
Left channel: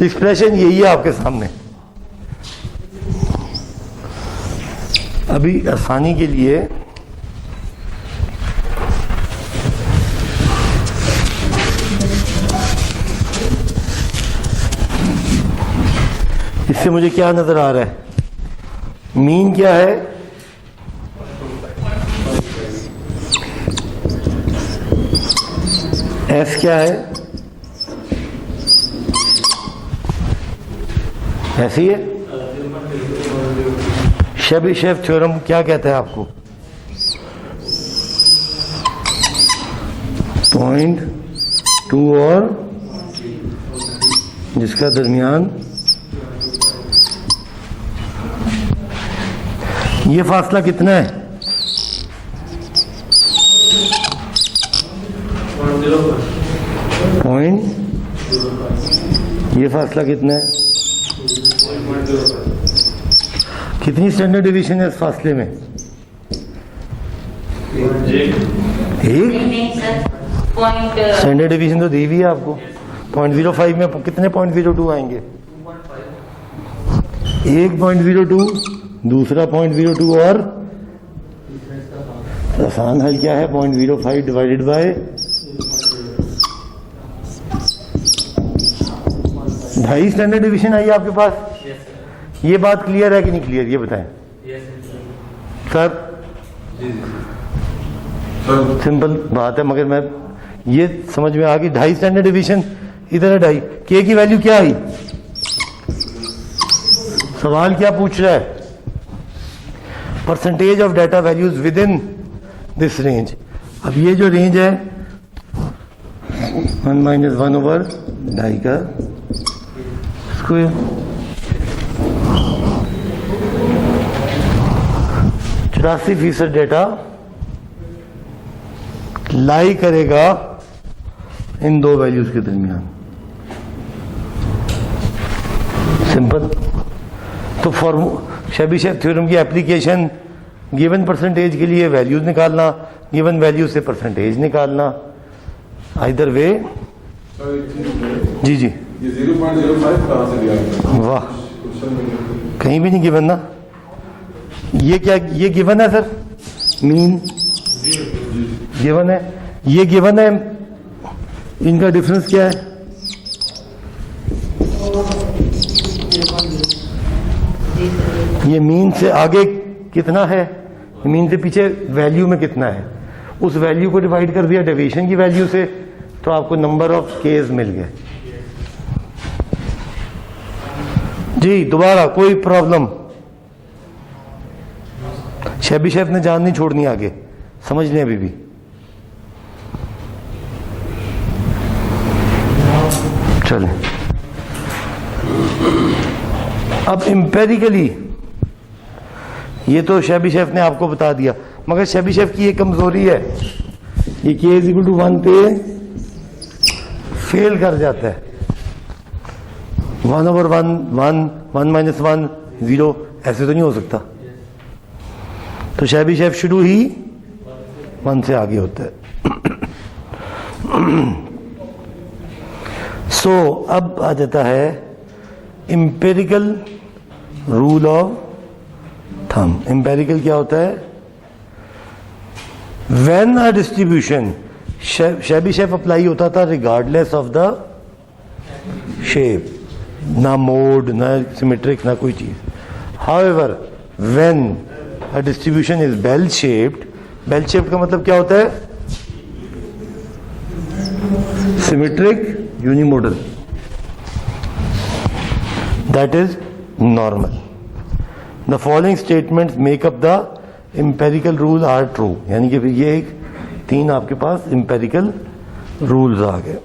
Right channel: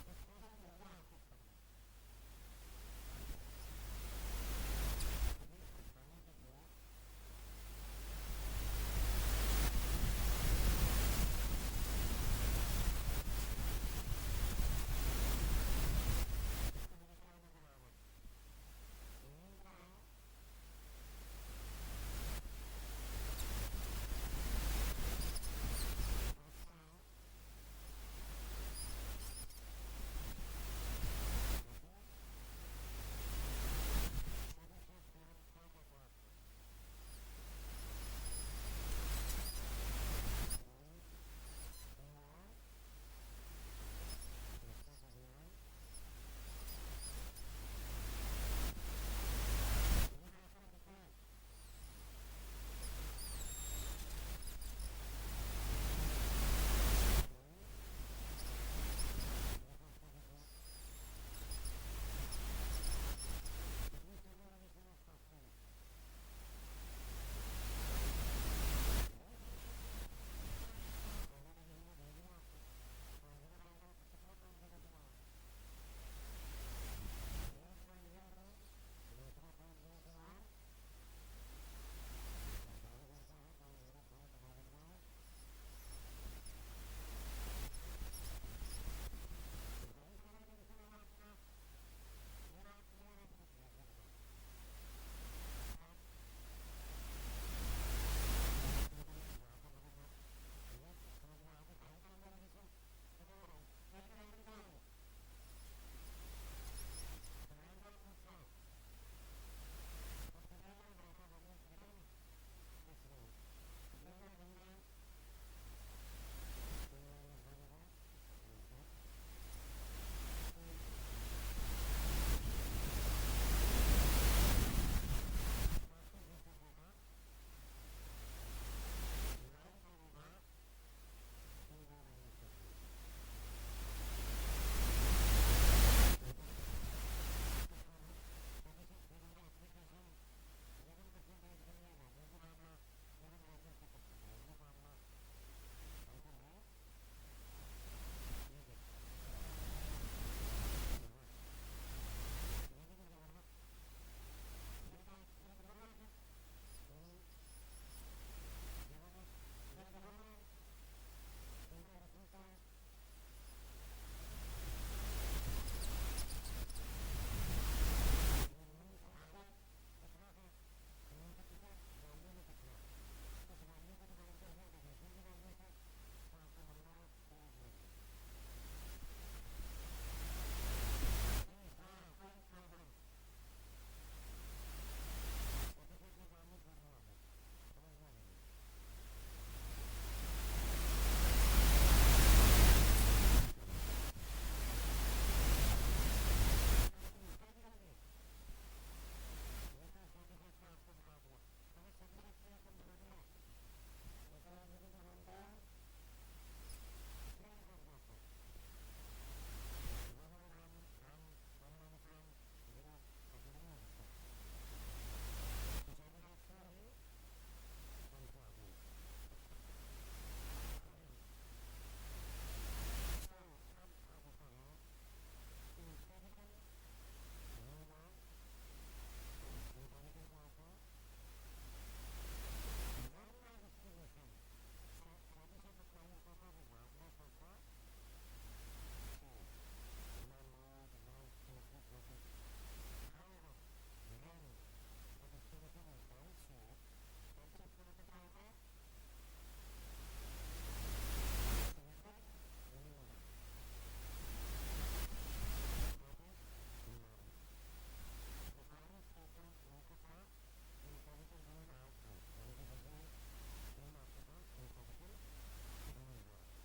Expression यही है आपके सामने। अभी आसानी के लिए इससे मुझे क्या नजर आ रहा है? मीन क्या है? एफ क्या है? ऐसी है। शेबिशेव थ्योरम क्या कहता है आपको? 0.2 और जिसका दरमियान ये फासला कितना है? 0.0। ये फासला कितना है? कितनी स्टैंडर्ड डिवीजन है इस फासले में? एक। नहीं सर, पॉइंट स्टैंडर्ड डिवीजन तो दी हुई है आपको। 0.05 में कितने 0.02 आएंगे? 1.02, दूसरा 0.02 और आसान हल क्या है? 0.05 डिवाइडेड बाय 2.5 स्टैंडर्ड डिवीजन आई आपके पास। ये बात क्लियर है कि नहीं क्लियर, ये बताएं सर। सिंपल बात है, मगर मैं ये समझ में आ गई। 2.5 स्टैंडर्ड डिवीजन इधर है 2.5। के की वैल्यू क्या आई? सवाल क्या पूछ रहा है? Percentage of data values with in this range. अब ये जो रेंज है 1 - 1/2 का स्क्वायर, 84% डेटा लाई करेगा इन दो वैल्यूज के दरमियान। सिंपल। तो शेबिशेव थ्योरम की एप्लीकेशन गिवन परसेंटेज के लिए वैल्यूज निकालना, गिवन वैल्यू से परसेंटेज निकालना, आइदर वे। जी जी, ये 0.05 कहाँ से दिया? वाह, कहीं भी नहीं गिवन ना। ये क्या, ये गिवन है सर? मीन गिवन है, ये गिवन है। इनका डिफरेंस क्या है? ये मीन से आगे कितना है, मीन से पीछे वैल्यू में कितना है। उस वैल्यू को डिवाइड कर दिया डेविएशन की वैल्यू से, तो आपको नंबर ऑफ केस मिल गए। जी दोबारा कोई प्रॉब्लम? शेबिशेव ने जान नहीं छोड़नी आगे, समझ लें अभी भी। चलें अब एम्पेरिकली, ये तो शेबिशेव ने आपको बता दिया, मगर शेबिशेव की एक कमजोरी है, ये k = 1 पे फेल कर जाता है। 1/1 1 1 - 1 0 ऐसे तो नहीं हो सकता। तो शैबी शेफ शुरू ही 1 से आगे होता है। सो अब आ जाता है empirical rule of thumb. Empirical क्या होता है? When a distribution, Chebyshev apply होता था रिगार्डलेस ऑफ द शेप, ना मोड, ना सिमेट्रिक, ना कोई चीज। However when a distribution is bell shaped, bell shaped का मतलब क्या होता है? Symmetric, unimodal, that is normal. The following statements make up the empirical rule are true. यानी कि फिर ये एक 3 आपके पास empirical rules आ गए।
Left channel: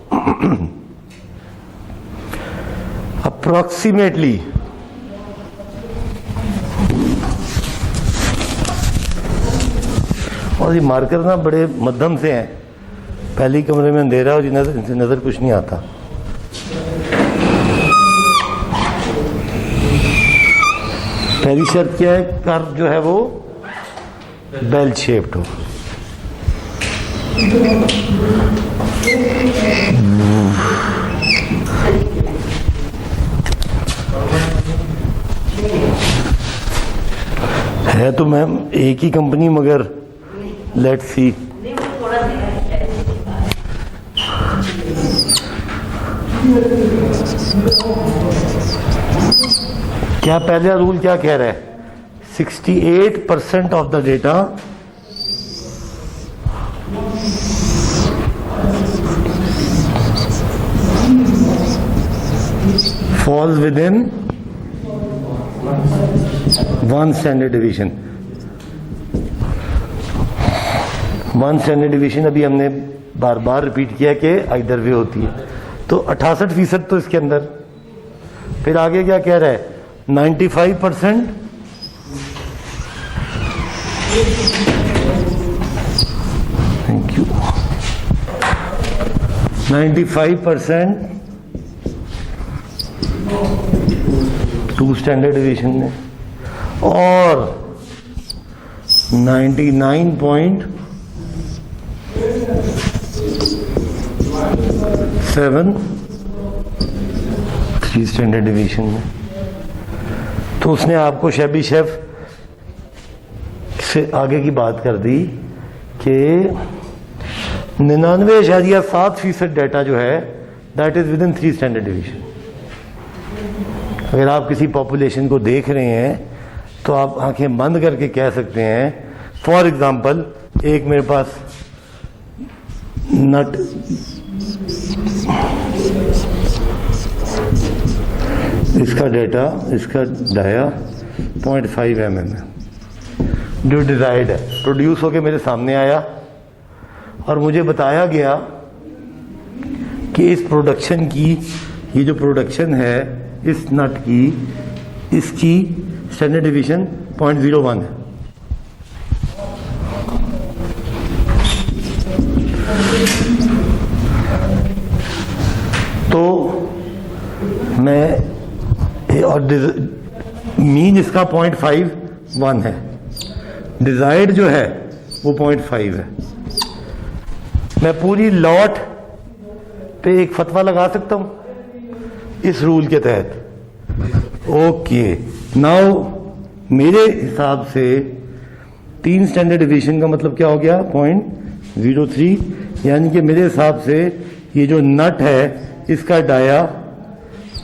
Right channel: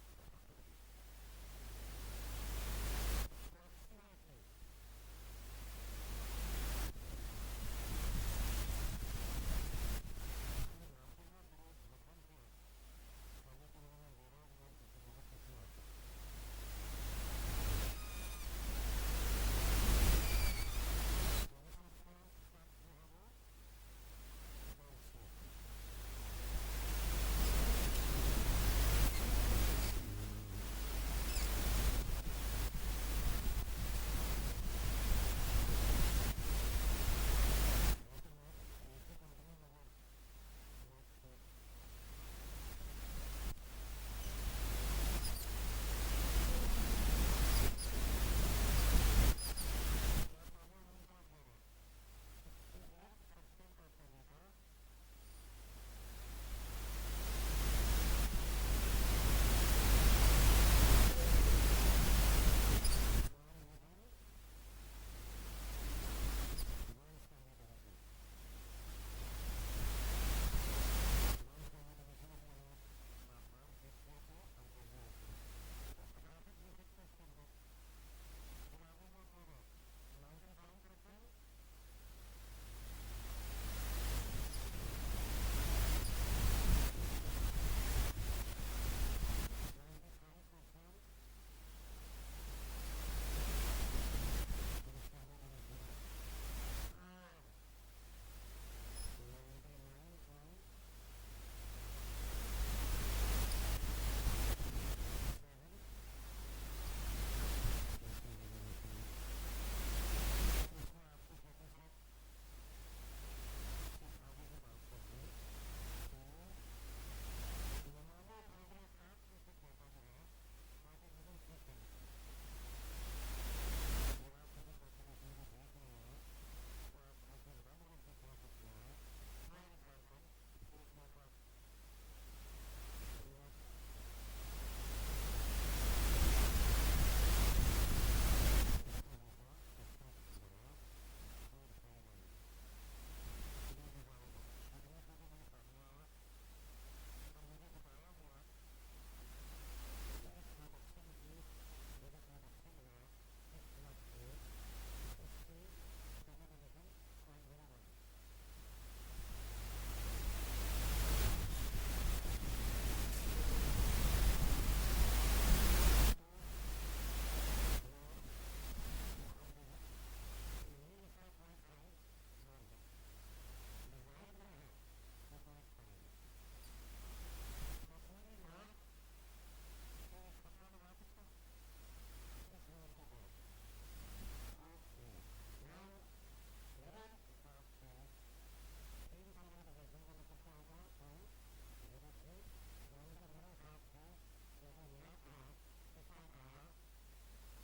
Approximately और ये मार्कर ना बड़े मध्यम से हैं, पहले ही कमरे में अंधेरा और इनसे नजर कुछ नहीं आता। पहली शर्त क्या है? कर्व जो है वो बेल शेप्ड हो। है तो मैम एक ही कंपनी, मगर लेट्स सी। क्या पहला रूल क्या कह रहा है? 68% of the data falls within 1 standard division. 1 standard division अभी हमने बार बार रिपीट किया कि आइदर वे होती है। तो 68% तो इसके अंदर। फिर आगे क्या कह रहा है? 95%, थैंक यू, 95% 2 स्टैंडर्ड डिवीजन में, और 99.7 3 स्टैंडर्ड डिवीजन में। तो उसने आपको शैबी शेफ से आगे की बात कर दी कि 99.7% डाटा जो है that is with in 3 standard division. अगर आप किसी पॉपुलेशन को देख रहे हैं तो आप आंखें बंद करके कह सकते हैं, फॉर एग्जांपल एक मेरे पास नट इसका डेटा, इसका डाया 0.5 mm है, जो डिजायर्ड है, प्रोड्यूस होके मेरे सामने आया और मुझे बताया गया कि इस प्रोडक्शन की, ये जो प्रोडक्शन है इस नट की, इसकी स्टैंडर्ड डिवीजन 0.01 है। तो मैं, और मीन इसका 0.51 है, डिजायर्ड जो है वो 0.5 है। मैं पूरी लॉट पे एक फतवा लगा सकता हूं इस रूल के तहत। ओके, नाउ मेरे हिसाब से 3 स्टैंडर्ड डिवीजन का मतलब क्या हो गया? 0.03, यानी कि मेरे हिसाब से ये जो नट है इसका डाया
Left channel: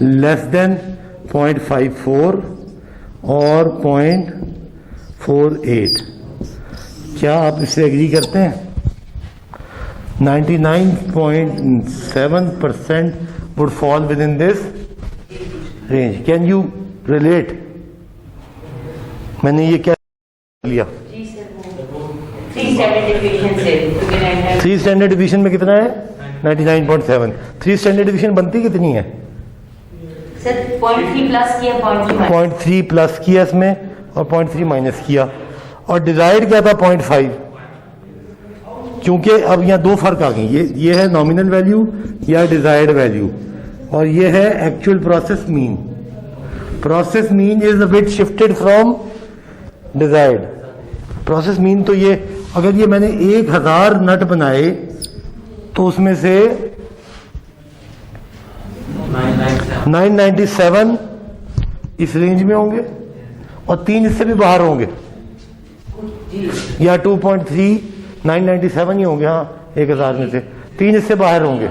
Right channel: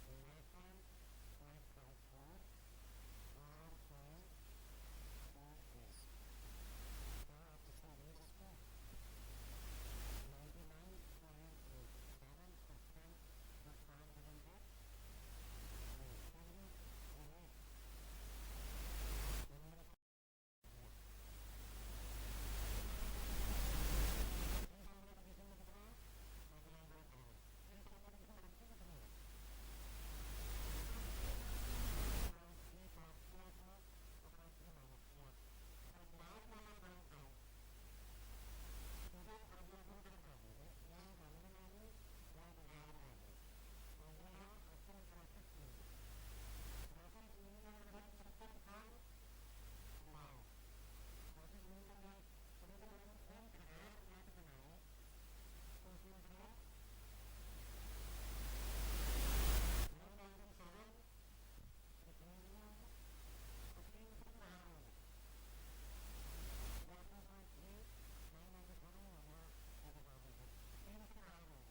लेस देन 0.54 और 0.48। क्या आप इससे एग्री करते हैं? 99.7% would fall within this range. Can you relate? मैंने ये क्या लिया? 3 स्टैंडर्ड डिवीजन से 3 स्टैंडर्ड डिवीजन में कितना है? 99.7। 3 स्टैंडर्ड डिवीजन बनती कितनी है? सर 0.3 प्लस किया, 0.3 प्लस किया इसमें और 0.3 माइनस किया, और डिजायर्ड क्या था? 0.5। क्योंकि अब यहाँ दो फर्क आ गए, ये है नॉमिनल वैल्यू या डिजायर्ड वैल्यू, और ये है actual process mean. Process mean is a bit shifted from desired. Process mean तो ये, अगर ये मैंने 1000 नट बनाए तो उसमें से 997 इस रेंज में होंगे और 3 इससे भी बाहर होंगे, या 2.3 997 ही होंगे. हाँ 1000 में से 3 इससे बाहर होंगे.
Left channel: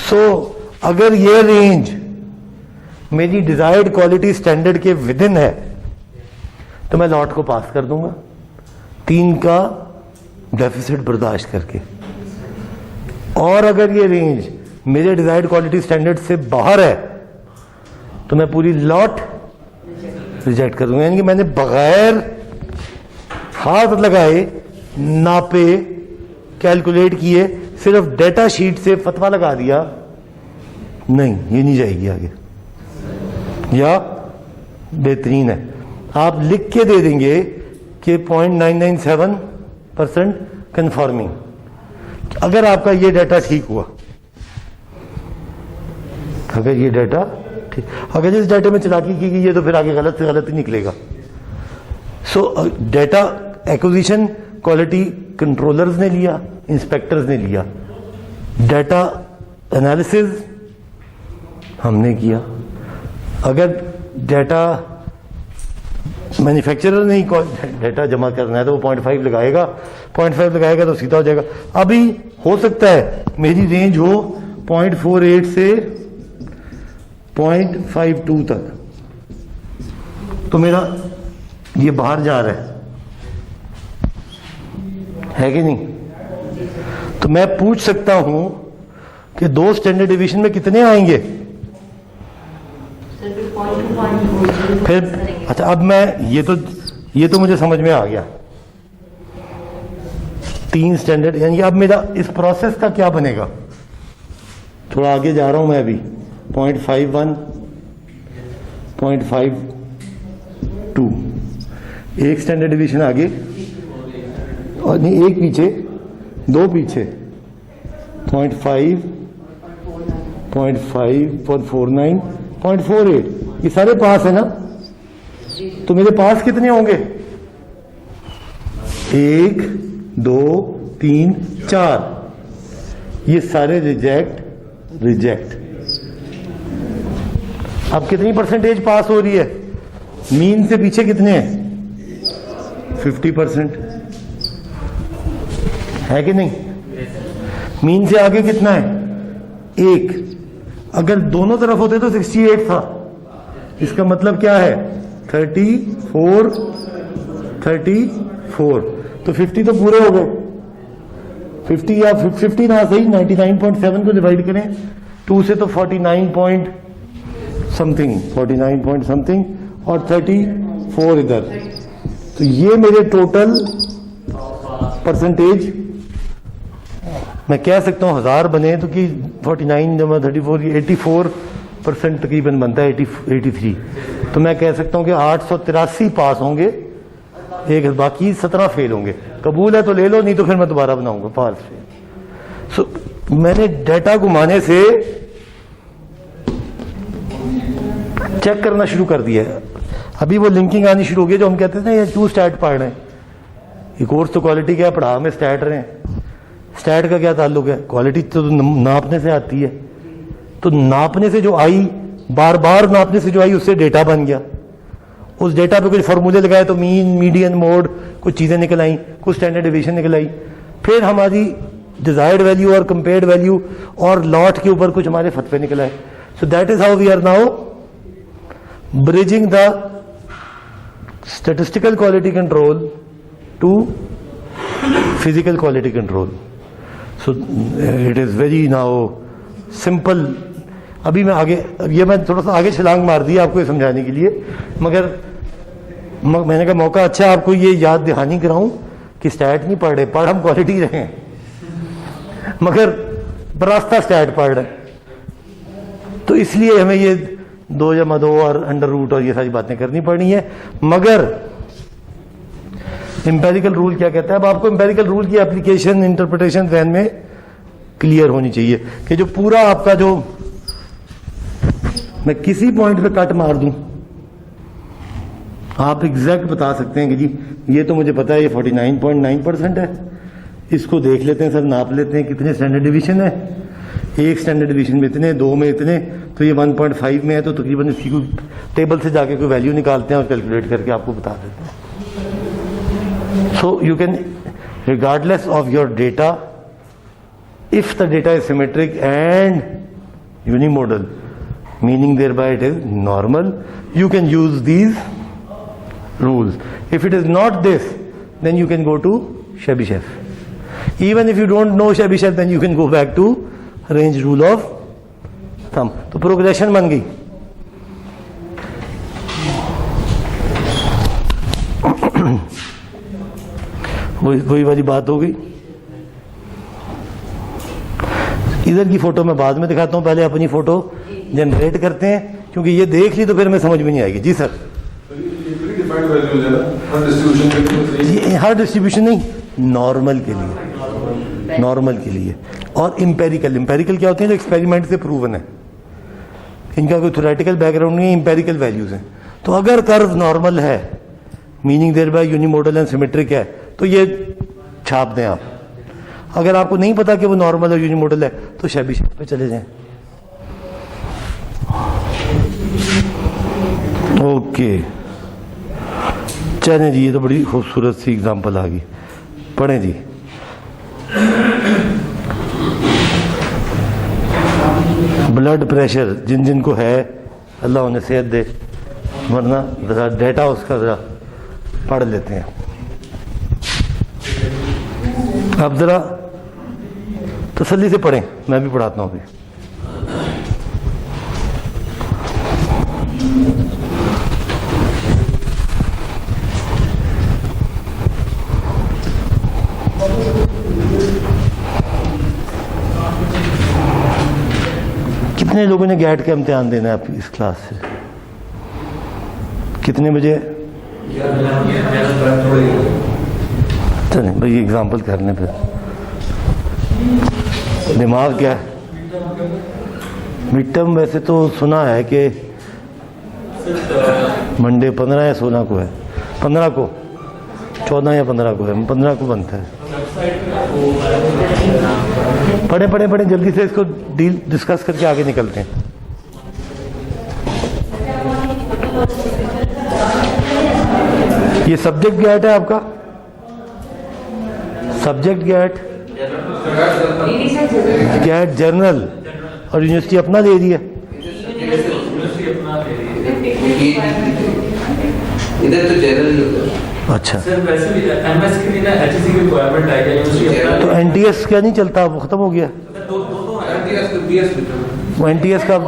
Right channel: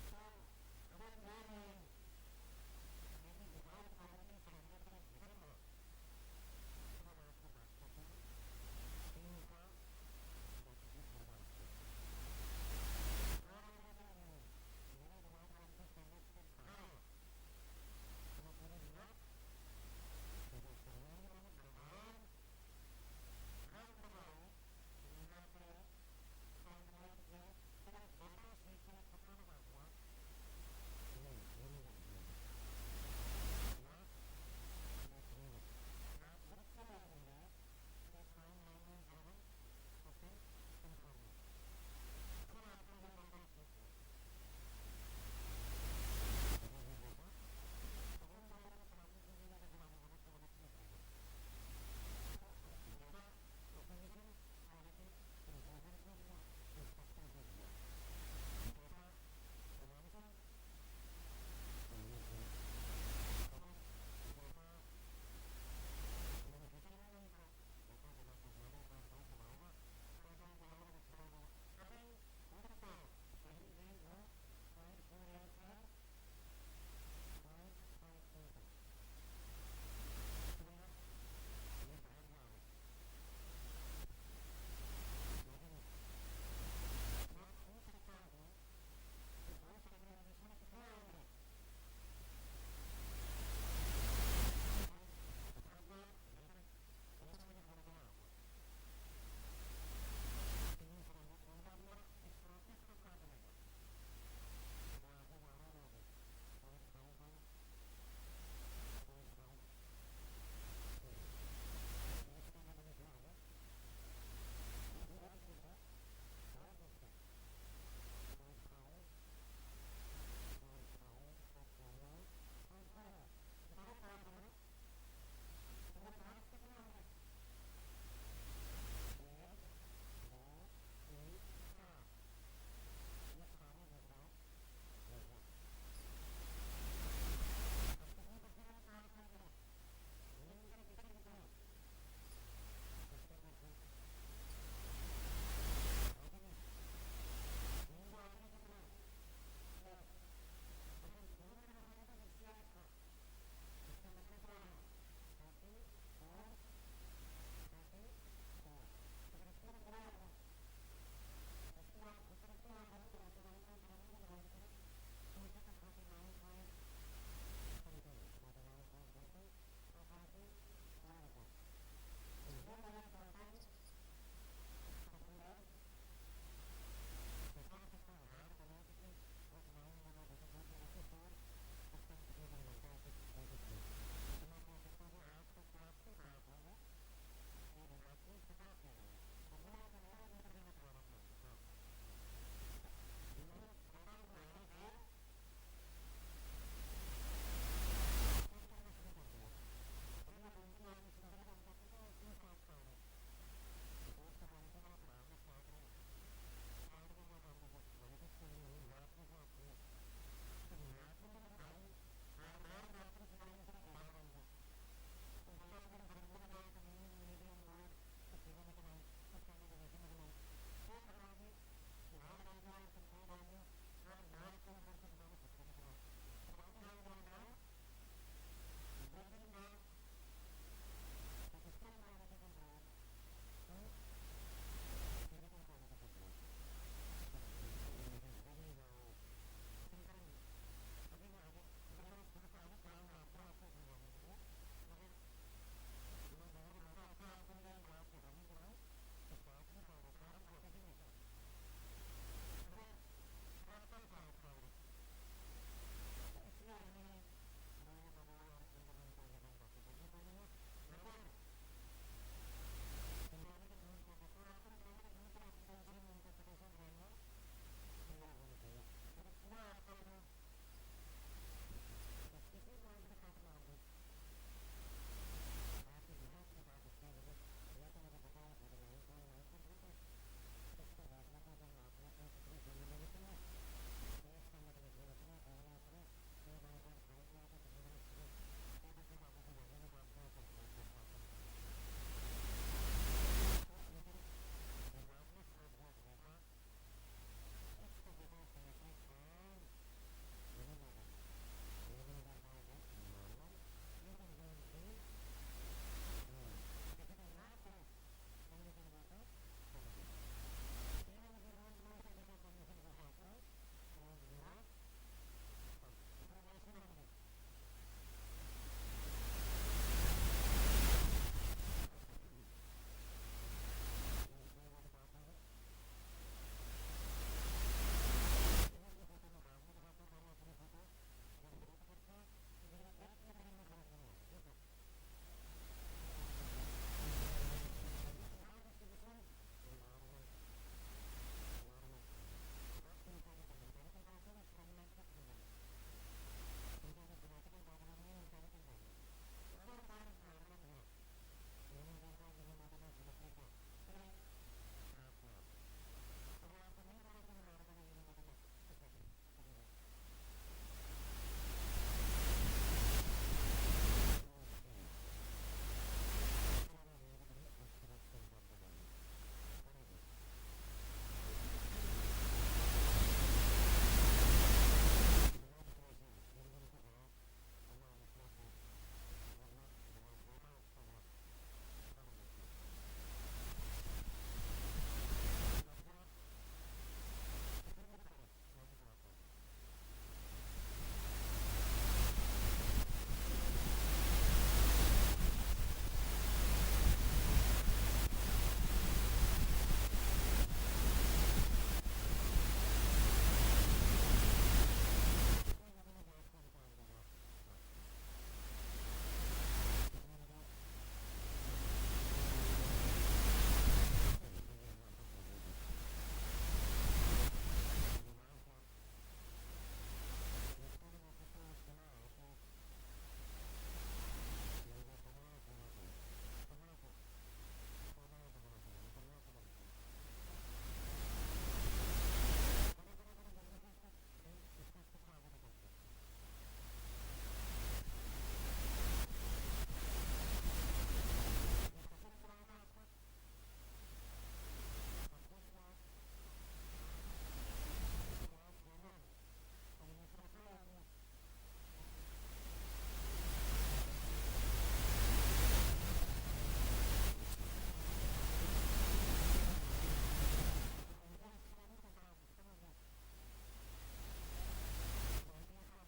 सो अगर ये रेंज मेरी डिजायर्ड क्वालिटी स्टैंडर्ड के विद इन है तो मैं लॉट को पास कर दूंगा 3 का डेफिसिट बर्दाश्त करके. और अगर ये रेंज मेरे डिजायर्ड क्वालिटी स्टैंडर्ड से बाहर है तो मैं पूरी लॉट रिजेक्ट कर दूंगा. यानी कि मैंने बगैर हाथ लगाए, नापे, कैलकुलेट किए, सिर्फ डेटा शीट से फतवा लगा दिया, नहीं ये नहीं जाएगी आगे. या बेहतरीन है आप लिख के दे देंगे कि 0.997% कंफर्मिंग. अगर आपका ये डाटा ठीक हुआ, अगर ये डाटा ठीक, अगर इस डाटा में चालाकी की गई है तो फिर आगे गलत से गलत ही निकलेगा. सो डाटा एक्विजिशन क्वालिटी कंट्रोलर्स ने लिया, इंस्पेक्टर्स ने लिया, डाटा एनालिसिस हमने किया. अगर डाटा मैन्युफैक्चरर ने ही डाटा जमा करना है तो वो 0.5 लगाएगा, 0.5 लगाएगा तो सीधा हो जाएगा. अभी हो सकता है मेरी रेंज हो 0.48 से 0.52 तक, तो मेरा ये बाहर जा रहा है कि नहीं. तो मैं पूछ सकता हूं कि 2 स्टैंडर्ड डिवीजन में कितने आएंगे. फिर अच्छा, अब मैं ये तो मुझे समझ में आ गया. 3 स्टैंडर्ड, यानी अब मेरा इस प्रोसेस का क्या बनेगा. थोड़ा आगे जा रहा हूं मैं अभी. 0.51, 0.52, एक स्टैंडर्ड डिवीजन आगे और नहीं एक पीछे, 2 पीछे. 0.5, 0.5, 0.49, 0.48, ये सारे पास है ना. तो मेरे पास कितने होंगे. 1, 2, 3, 4, ये सारे रिजेक्ट. अब कितनी परसेंटेज पास हो रही है. मीन से पीछे कितने हैं. 50% है कि नहीं. मीन से आगे कितना है. 1. अगर दोनों तरफ होते तो 68 था. इसका मतलब क्या है 34. तो 50 तो पूरे हो गए. 50 या 50 ना सही, 99.7 को डिवाइड करें 2 से तो 49 पॉइंट समथिंग और 34 इधर. तो ये मेरे टोटल परसेंटेज मैं कह सकता हूं 1000 बने तो कि 49 जमा 34 84% तकरीबन बनता है. 83. तो मैं कह सकता हूं कि 883 पास होंगे, एक बाकी 17 फेल होंगे. कबूल है तो ले लो, नहीं तो फिर मैं दोबारा बनाऊंगा पास. सो मैंने डाटा घुमाने से चेक करना शुरू कर दिया है. अभी वो लिंकिंग आनी शुरू हो गई जो हम कहते थे ना ये 2 स्टैट पढ़ रहे हैं. ये कोर्स तो क्वालिटी क्या पढ़ा, हमें स्टैट रहे हैं. स्टैट का क्या ताल्लुक है. क्वालिटी तो नापने से आती है. तो नापने से जो आई, बार बार नापने से जो आई उससे डेटा बन गया. उस डेटा पे कुछ फॉर्मूले लगाए तो मीन, मीडियन, मोड, कुछ चीजें निकल आई, कुछ स्टैंडर्ड डिवीजन निकल आई. फिर हमारी डिजायर्ड वैल्यू और कंपेयर्ड वैल्यू और लॉट के ऊपर कुछ हमारे फतवे निकल आए. So that is how we are now bridging the statistical quality control to physical quality control. So it is very now simple. अभी मैं आगे, ये मैं थोड़ा सा आगे छलांग मार दी आपको ये समझाने के लिए, मगर मैंने कहा मौका अच्छा आपको ये याद दहानी कराऊं कि स्टैट नहीं पढ़ रहे, पढ़ हम क्वालिटी रहे हैं, मगर बरास्ता स्टैट पढ़ रहे. तो इसलिए हमें ये 2 जमा 2 और अंडर रूट और ये सारी बातें करनी पड़नी है. मगर एम्पेरिकल रूल क्या कहता है? अब आपको एम्पेरिकल रूल की एप्लीकेशन इंटरप्रिटेशन जहन में क्लियर होनी चाहिए कि जो पूरा आपका जो मैं किसी पॉइंट पे कट मार दूं, आप एग्जैक्ट बता सकते हैं कि जी ये तो मुझे पता है ये 49.9% है, इसको देख लेते हैं सर, नाप लेते हैं कितने स्टैंडर्ड डिवीजन है, एक स्टैंडर्ड डिवीजन में इतने, दो में इतने, तो ये 1.5 में है, तो तकरीबन इसी को टेबल से जाके कोई वैल्यू निकालते हैं और कैलकुलेट करके आपको बता देते हैं. So you can regardless of your data, if the data is symmetric and unimodal, meaning thereby it is normal, you can use these rules. If it is not this, then you can go to Chebyshev. Even if you don't know Chebyshev, then you can go back to range rule of thumb. तो progression बन गई. वही वाली बात हो गई. इधर की फोटो मैं बाद में दिखाता हूं, पहले अपनी फोटो जनरेट करते हैं, क्योंकि ये देख ली तो फिर मैं समझ में नहीं आएगी. जी सर, ये हर डिस्ट्रीब्यूशन नहीं, नॉर्मल के लिए, नॉर्मल के लिए. और इंपेरिकल, इंपेरिकल क्या होते हैं? जो एक्सपेरिमेंट से प्रूवन है, इनका कोई थ्योरेटिकल बैकग्राउंड नहीं है, इंपेरिकल वैल्यूज हैं. तो अगर कर्व नॉर्मल है, meaning thereby unimodal and symmetric है, तो ये छाप दें आप. अगर आपको नहीं पता कि वो नॉर्मल और यूनिमोडल है, तो शेबिशेव पे चले जाएं. ओके, चलें जी, ये तो बड़ी खूबसूरत सी एग्जांपल आ गई. पढ़ें जी. ब्लड प्रेशर जिन जिन को है, अल्लाह उन्हें सेहत दे, वरना ज़रा डेटा उसका ज़रा पढ़ लेते हैं. अब ज़रा तसल्ली से पढ़ें, मैं भी पढ़ाता हूँ अभी. कितने लोगों ने गैट का इम्तिहान देना है आप इस क्लास से? कितने बजे? चलें भाई, एग्जाम्पल कर लें फिर. दिमाग क्या है? मिड टर्म वैसे तो सुना है कि मंडे 15 या 16 को है, 15 को, 14 या 15 को है, 15 को बनता है. पढ़े पढ़े पढ़े जल्दी से, इसको डील डिस्कस करके आगे निकलते हैं. ये सब्जेक्ट गैट है आपका, सब्जेक्ट गैट, गैट जर्नल, और यूनिवर्सिटी अपना दे रही है. इधर तो जनरल. अच्छा, सर वैसे भी एमएस के लिए ना एचएससी की रिक्वायरमेंट आई है, यूनिवर्सिटी अपना. तो एनटीएस क्या नहीं चलता? वो खत्म हो गया. वो एनटीएस का ये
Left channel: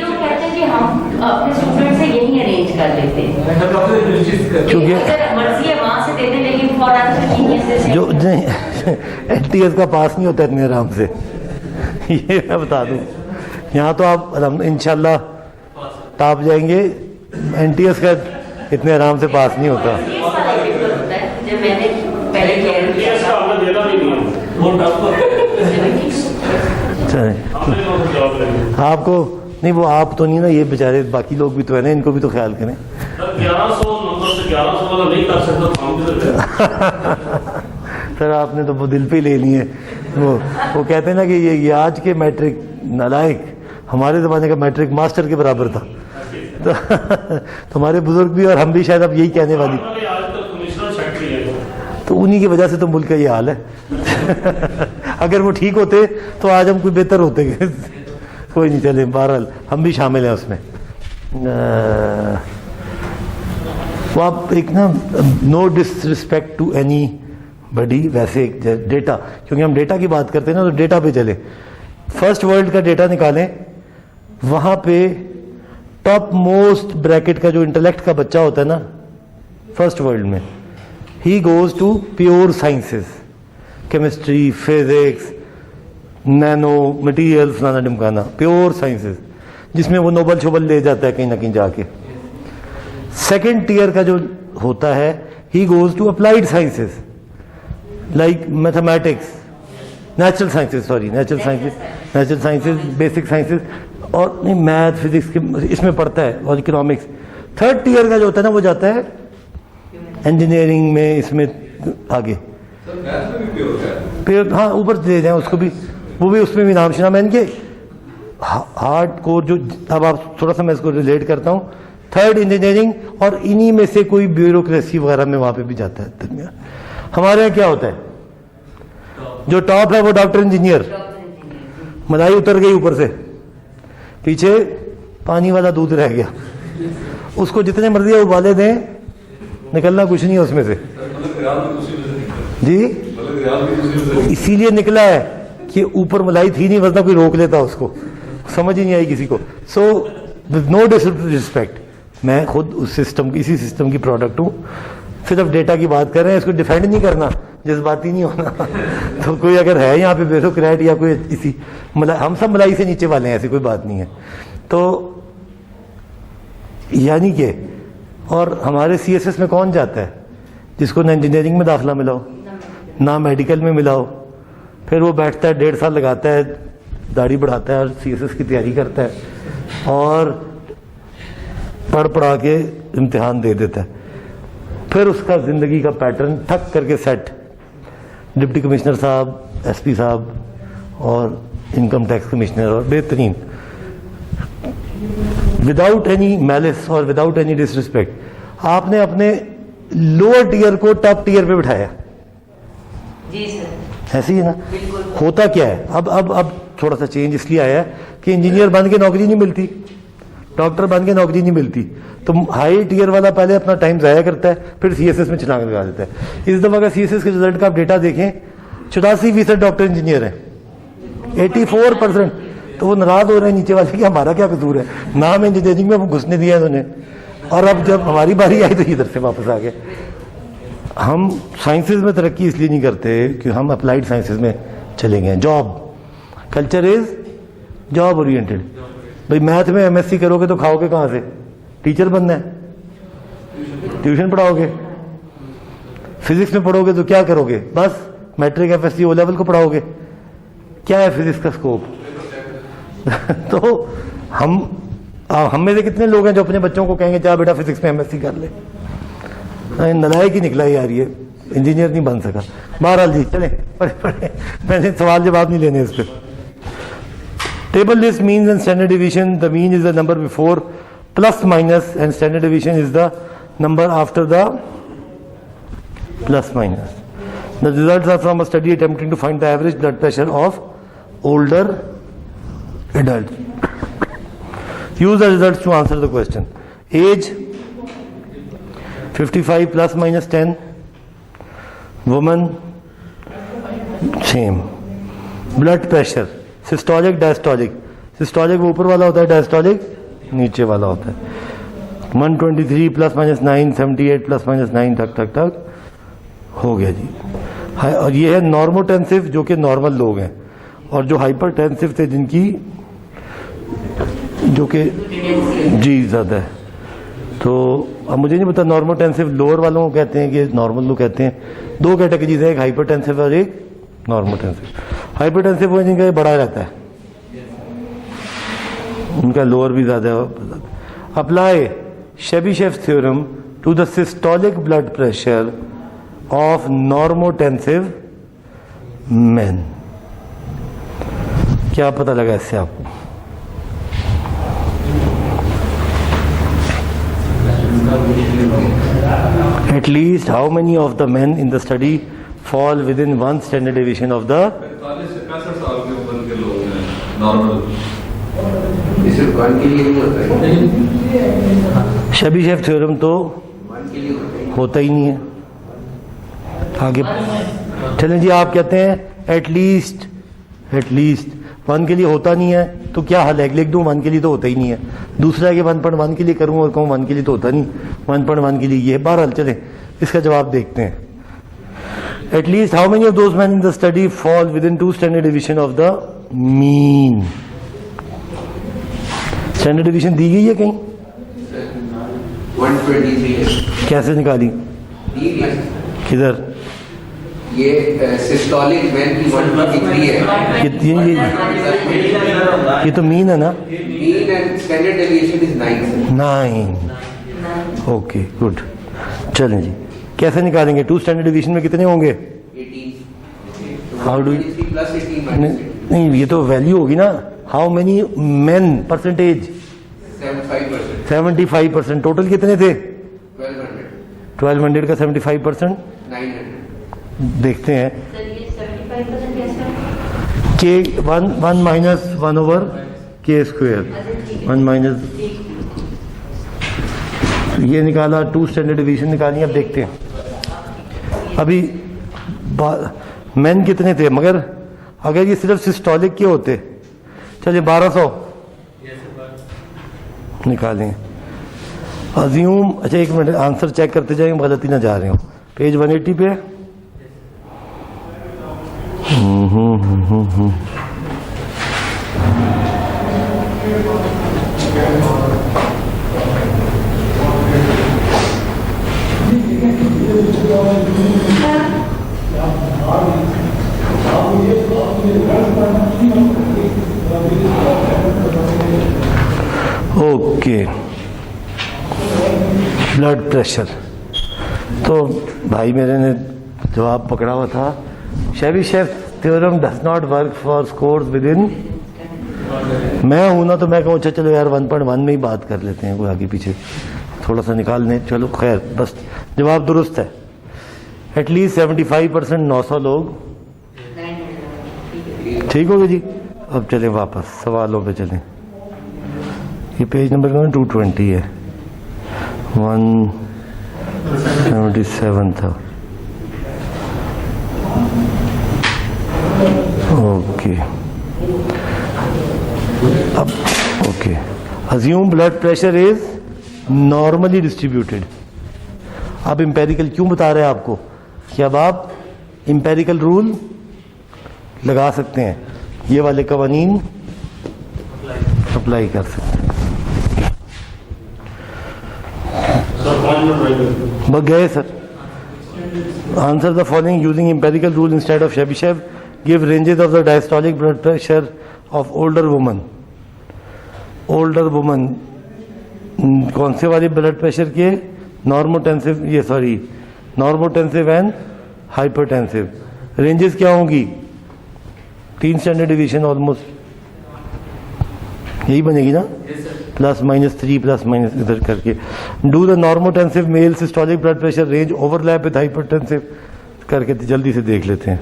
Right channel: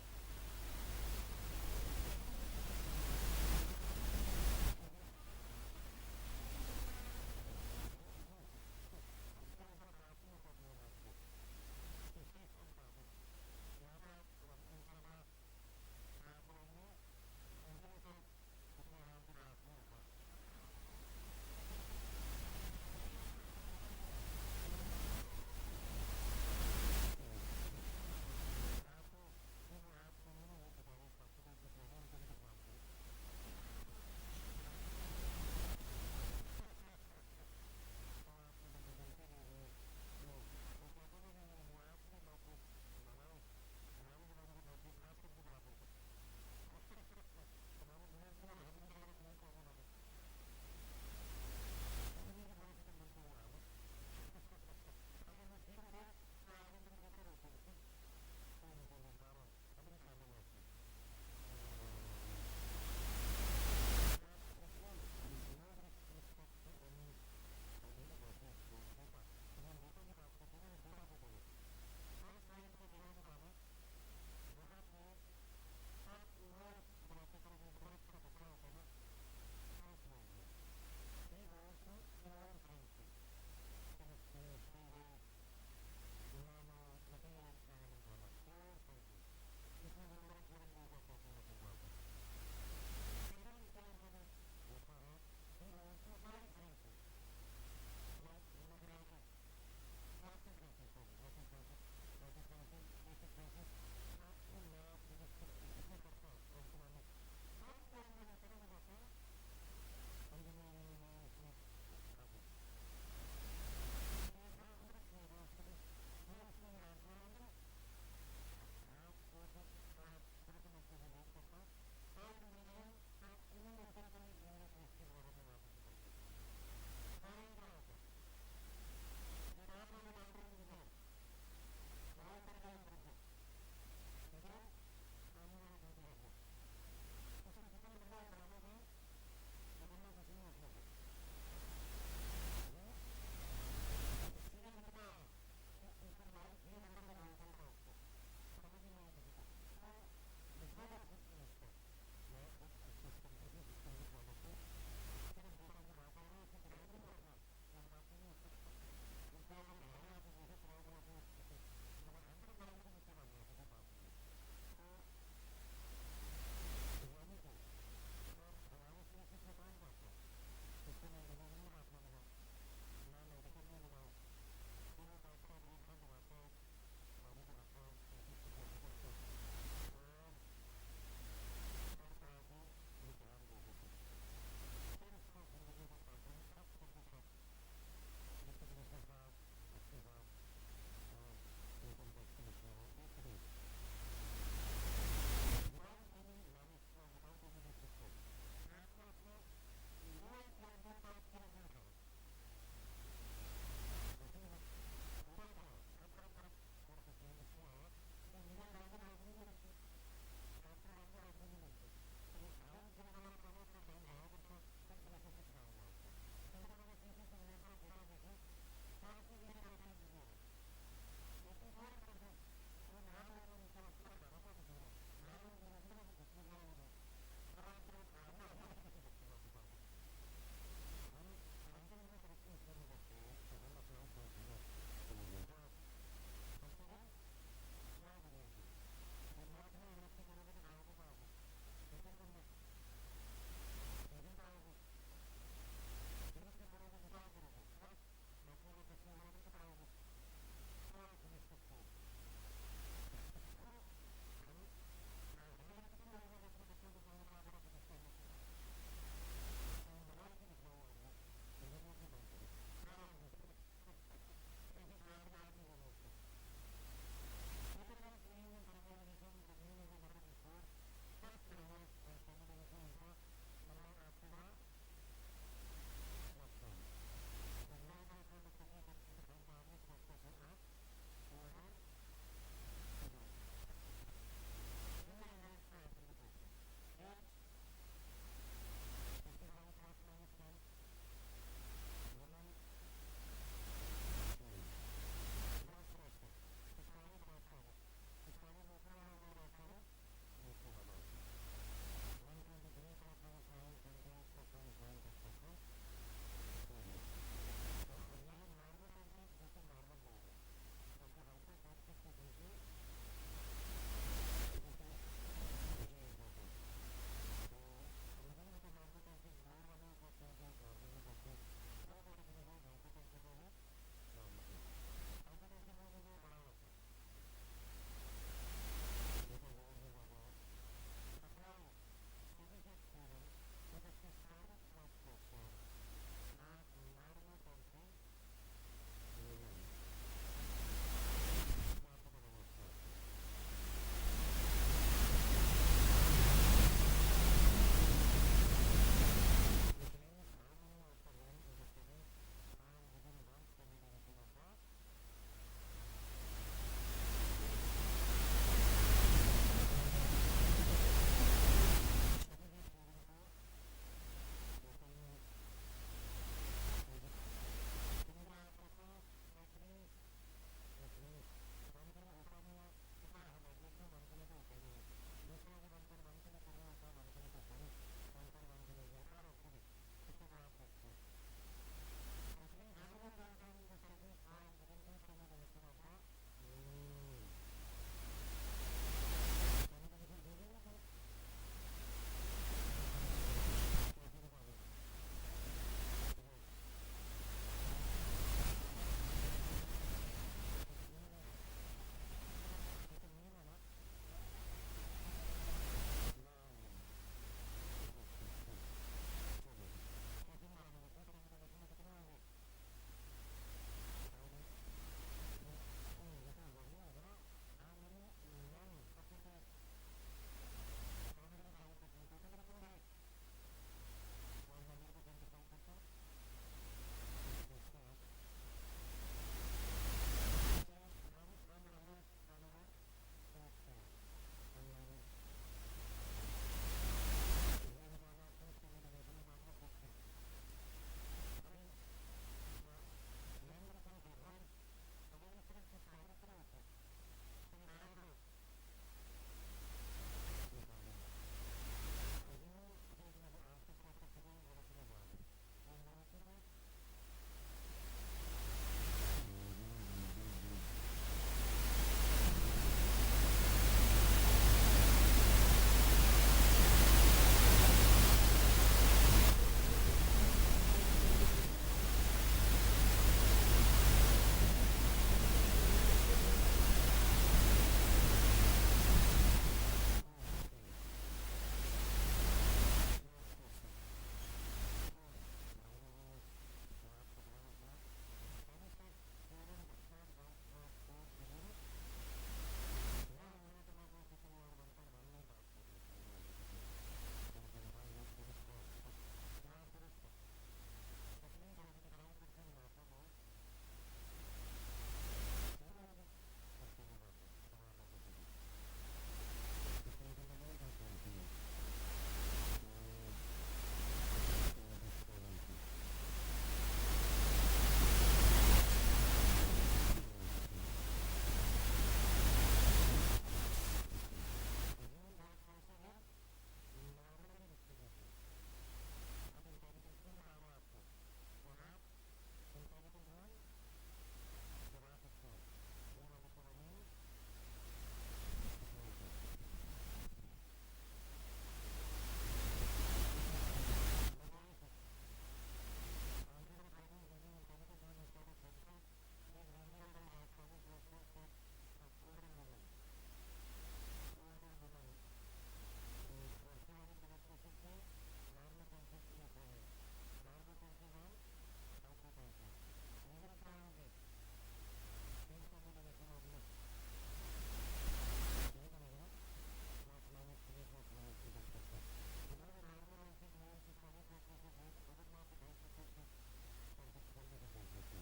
लोग कहते हैं कि हम अपने स्टूडेंट से यही अरेंज कर लेते हैं, क्योंकि अगर मर्जी है वहां से देते, लेकिन फॉर आंसर जो एनटीएस का पास नहीं होता इतने आराम से, ये मैं बता दूं. यहाँ तो आप इंशाल्लाह टॉप जाएंगे, एनटीएस का इतने आराम से पास नहीं होता. जब मैंने पहले क्लियर किया इसका हमने देना भी नहीं है, वो टफ चले आपको नहीं, वो आप तो नहीं ना, ये बेचारे बाकी लोग भी तो है ना, इनको भी तो ख्याल करें. 1100 नंबर से 1100 वाला नहीं कर सकता, हम किधर सर आपने तो वो दिल पे ले लिए. वो कहते हैं ना कि ये आज के मैट्रिक नालायक हमारे ज़माने का मैट्रिक मास्टर के बराबर था. तो तुम्हारे बुजुर्ग भी और हम भी शायद अब यही कहने वाली, तो उन्हीं की वजह से तो मुल्क का ये हाल है. अगर वो ठीक होते तो आज हम कोई बेहतर होते. कोई नहीं, चले, बहरहाल हम भी शामिल हैं उसमें. वो आप एक ना, no disrespect to anybody, वैसे डेटा, क्योंकि हम डेटा की बात करते हैं ना, तो डेटा पे चले. फर्स्ट वर्ल्ड का डेटा निकालें, वहाँ पे टॉप मोस्ट ब्रैकेट का जो इंटेलेक्ट का बच्चा होता है ना फर्स्ट वर्ल्ड में, he goes to pure sciences, chemistry, physics, nano material, फलाना ढिमकाना, प्योर साइंसेस, जिसमें वो नोबल शोबल ले जाता है कहीं ना कहीं जाके. सेकेंड टीयर का जो होता है, he goes to applied sciences like mathematics, natural sciences, basic sciences, और नहीं मैथ फिजिक्स इसमें पढ़ता है, और इकोनॉमिक्स। थर्ड ईयर का जो होता है ना वो जाता है इंजीनियरिंग में, इसमें आगे फिर हाँ ऊपर दे जाए उसको भी, वो भी उसमें भी नाम सुना मैं इनके हार्ड कोर जो। अब आप थोड़ा सा मैं इसको रिलेट करता हूँ, थर्ड इंजीनियरिंग, और इन्हीं में से कोई ब्यूरोक्रेसी वगैरह में वहाँ पे भी जाता है दुनिया। हमारे यहाँ क्या होता है, जो टॉप है वो डॉक्टर इंजीनियर, मलाई उतर गई ऊपर से, पीछे पानी वाला दूध रह गया, उसको जितने मर्जी उबाले दें निकलना कुछ नहीं है उसमें से जी। इसीलिए निकला है कि ऊपर मलाई थी नहीं, वरना कोई रोक लेता उसको, समझ ही नहीं आई किसी को। सो विद नो डिसरिस्पेक्ट, मैं खुद उस सिस्टम इसी सिस्टम की प्रोडक्ट हूँ, सिर्फ डेटा की बात कर रहे हैं, इसको डिफेंड नहीं करना, जज्बाती नहीं होना। तो कोई अगर है यहाँ पे ब्यूरोक्रेट या कोई इसी हम सब मलाई से नीचे वाले हैं, ऐसी कोई बात नहीं है। तो यानी कि और हमारे CSS में कौन जाता है जिसको ना इंजीनियरिंग में दाखिला मिला हो ना मेडिकल में मिला हो, फिर वो बैठता है 1.5 साल लगाता है, दाढ़ी बढ़ाता है और CSS की तैयारी करता है और पढ़ा के इम्तिहान दे देता है, फिर उसका ज़िंदगी का पैटर्न ठक करके सेट, डिप्टी कमिश्नर साहब, SP साहब और इनकम टैक्स कमिश्नर, और बेहतरीन, विदाउट एनी मैलिस और विदाउट एनी डिसरिस्पेक्ट आपने अपने लोअर टीयर को टॉप टीयर पे बिठाया। जी सर, ऐसी है ना। होता क्या है, अब थोड़ा सा चेंज इसलिए आया है कि इंजीनियर बन के नौकरी नहीं मिलती, डॉक्टर बन के नौकरी नहीं मिलती, तो हाई टीयर वाला पहले अपना टाइम ज़ाया करता है, फिर CSS में छलांग लगा देता है। इस दफ़ा का CSS के रिजल्ट का आप डेटा देखें, 84% डॉक्टर इंजीनियर हैं, 84%। तो वो नाराज हो रहे हैं नीचे वाले कि हमारा क्या कसूर है, नाम इंजीनियरिंग में वो घुसने दिया है उन्होंने, और अब जब हमारी बारी आई तो इधर से वापस आ गए। हम साइंसेज में तरक्की इसलिए नहीं करते कि हम अप्लाइड साइंसेज में चले गए। Job culture is job oriented. भाई मैथ में MSc करोगे तो खाओगे कहाँ से, टीचर बनना है, ट्यूशन पढ़ाओगे, फिजिक्स में पढ़ोगे तो क्या करोगे, बस मैट्रिक FSC O लेवल को पढ़ाओगे, क्या है फिजिक्स का स्कोप। तो हम में से कितने लोग हैं जो अपने बच्चों को कहेंगे जा बेटा फिजिक्स में MSc कर ले, नलायक ही निकला यार, ये इंजीनियर नहीं बन सका। बहरहाल जी चले पढ़े, मैंने सवाल जवाब नहीं लेने इस पर। Table list means and standard division, the mean is the number before plus minus and standard division is the number after the plus minus. The results are from a study attempting to find the average blood pressure of older adults. Use the results to answer the question. Age 55 plus minus 10. Woman same. Blood pressure systolic diastolic. Systolic वो ऊपर वाला होता है, diastolic नीचे वाला होता है। 123 plus minus 9, 78 plus minus 9 तक हो गया जी। और ये है नॉर्मोटेंसिव जो कि नॉर्मल लोग हैं, और जो हाइपरटेंसिव थे जिनकी जो कि जी ज़्यादा है। तो अब मुझे नहीं पता नॉर्मोटेंसिव लोअर वालों को कहते हैं कि नॉर्मल लोग कहते हैं। दो कैटेगरीज है, एक हाइपरटेंसिव और एक नॉर्मोटेंसिव। हाइपरटेंसिव वो जिनका बड़ा रहता है, उनका लोअर भी ज़्यादा है। Apply Chebyshev theorem to the systolic blood pressure of normotensive men. क्या पता लगा इससे आपको? At least how many of the men in the study fall within one standard deviation of the 45 से 65 साल के उम्र के लोग हैं नॉर्मल। ये सिर्फ वन के लिए नहीं होता है, शेबीशेव थ्योरम तो वन के लिए होता ही नहीं है। आगे चलें जी, आप कहते हैं एटलीस्ट वन के लिए होता नहीं है, तो क्या हल है? लिख दूं वन के लिए तो होता ही नहीं है। दूसरा है कि 1.1 के लिए करूं और कहूं वन के लिए तो होता नहीं, 1.1 के लिए ये। बहरहाल चलें इसका जवाब देखते हैं। At least how many of those man in the study fall within 2 standard division of the mean. Standard division दी गई है कहीं? 123 है। कैसे निकाली? किधर? ये सिस्टोलिक मैन की 123 है। ये तो मीन है ना? Mean and standard deviation is 9। 9। Okay good. चलें जी, कैसे निकालेंगे? 2 स्टैंडर्ड डिवीजन में कितने होंगे? 18। How do? 23 plus 18 minus 8। नहीं, ये तो वैल्यू होगी ना। How many main percentage? 75%। 75%। Total कितने थे? 1200। 1200 का 75%? 900। देखते हैं। सर ये 75% कैसे? के 1 माइनस 1 ओवर के स्क्वेयर 1 माइनस ये निकाला। 2 स्टैंडर्ड डिवीजन निकाली। अब देखते हैं अभी मेन कितने थे, मगर अगर ये सिर्फ सिस्टोलिक के होते, चलिए 1200 निकालें। अज्यूम, अच्छा एक मिनट, आंसर चेक करते जाएंगे, गलती ना जा रहे हो। पेज 180 पे ओके। ब्लड प्रेशर तो भाई मेरे ने जवाब पकड़ा हुआ था। Chebyshev theorem does not work for scores within. मैं हूं ना तो मैं कहूँ अच्छा चलो यार 1.1 में ही बात कर लेते हैं, कोई आगे पीछे थोड़ा सा निकाल लें। चलो खैर, बस जवाब दुरुस्त है। एटलीस्ट 75% 900 लोग ठीक हो गए जी। अब चलें वापस सवालों पे चलें। ये पेज नंबर 220 है, 177 था। ओके अब okay. Assume blood pressure is normally distributed. अब इंपेरिकल क्यों बता रहे हैं आपको कि अब आप इंपेरिकल रूल लगा सकते हैं, ये वाले कवानीन अप्लाई कर सकते हैं। बग गए sir. Answer the following using empirical rule instead of Chebyshev. Give ranges of the diastolic blood pressure of older women. Older women कौन से वाले ब्लड प्रेशर के? नॉर्मोटेंसिव, ये sorry normotensive and hypertensive. Ranges क्या होंगी? 3 स्टैंडर्ड डिवीजन ऑलमोस्ट यही बनेगी ना, प्लस माइनस 3 प्लस माइनस इधर करके। Do the normotensive male systolic blood pressure range overlap with hypertensive करके जल्दी से देख लेते हैं।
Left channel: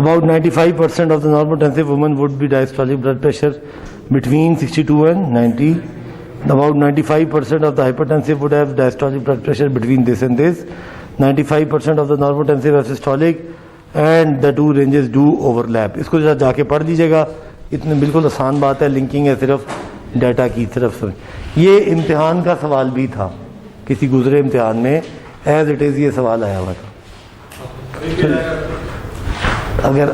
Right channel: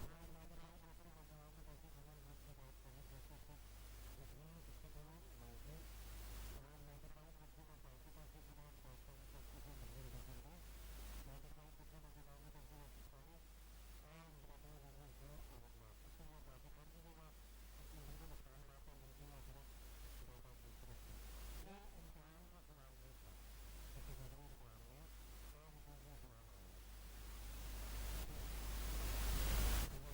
About 95% of the normotensive women would be diastolic blood pressure between 62 and 90. About 95% of the hypertensive would have diastolic blood pressure between this and this. 95% of the normotensive have systolic and the two ranges do overlap. इसको जरा जाके पढ़ लीजिएगा, इतने बिल्कुल आसान बात है, लिंकिंग है सिर्फ डाटा की तरफ से। ये इम्तिहान का सवाल भी था, किसी गुजरे इम्तिहान में एज इट इज़ ये सवाल आया हुआ था। अगर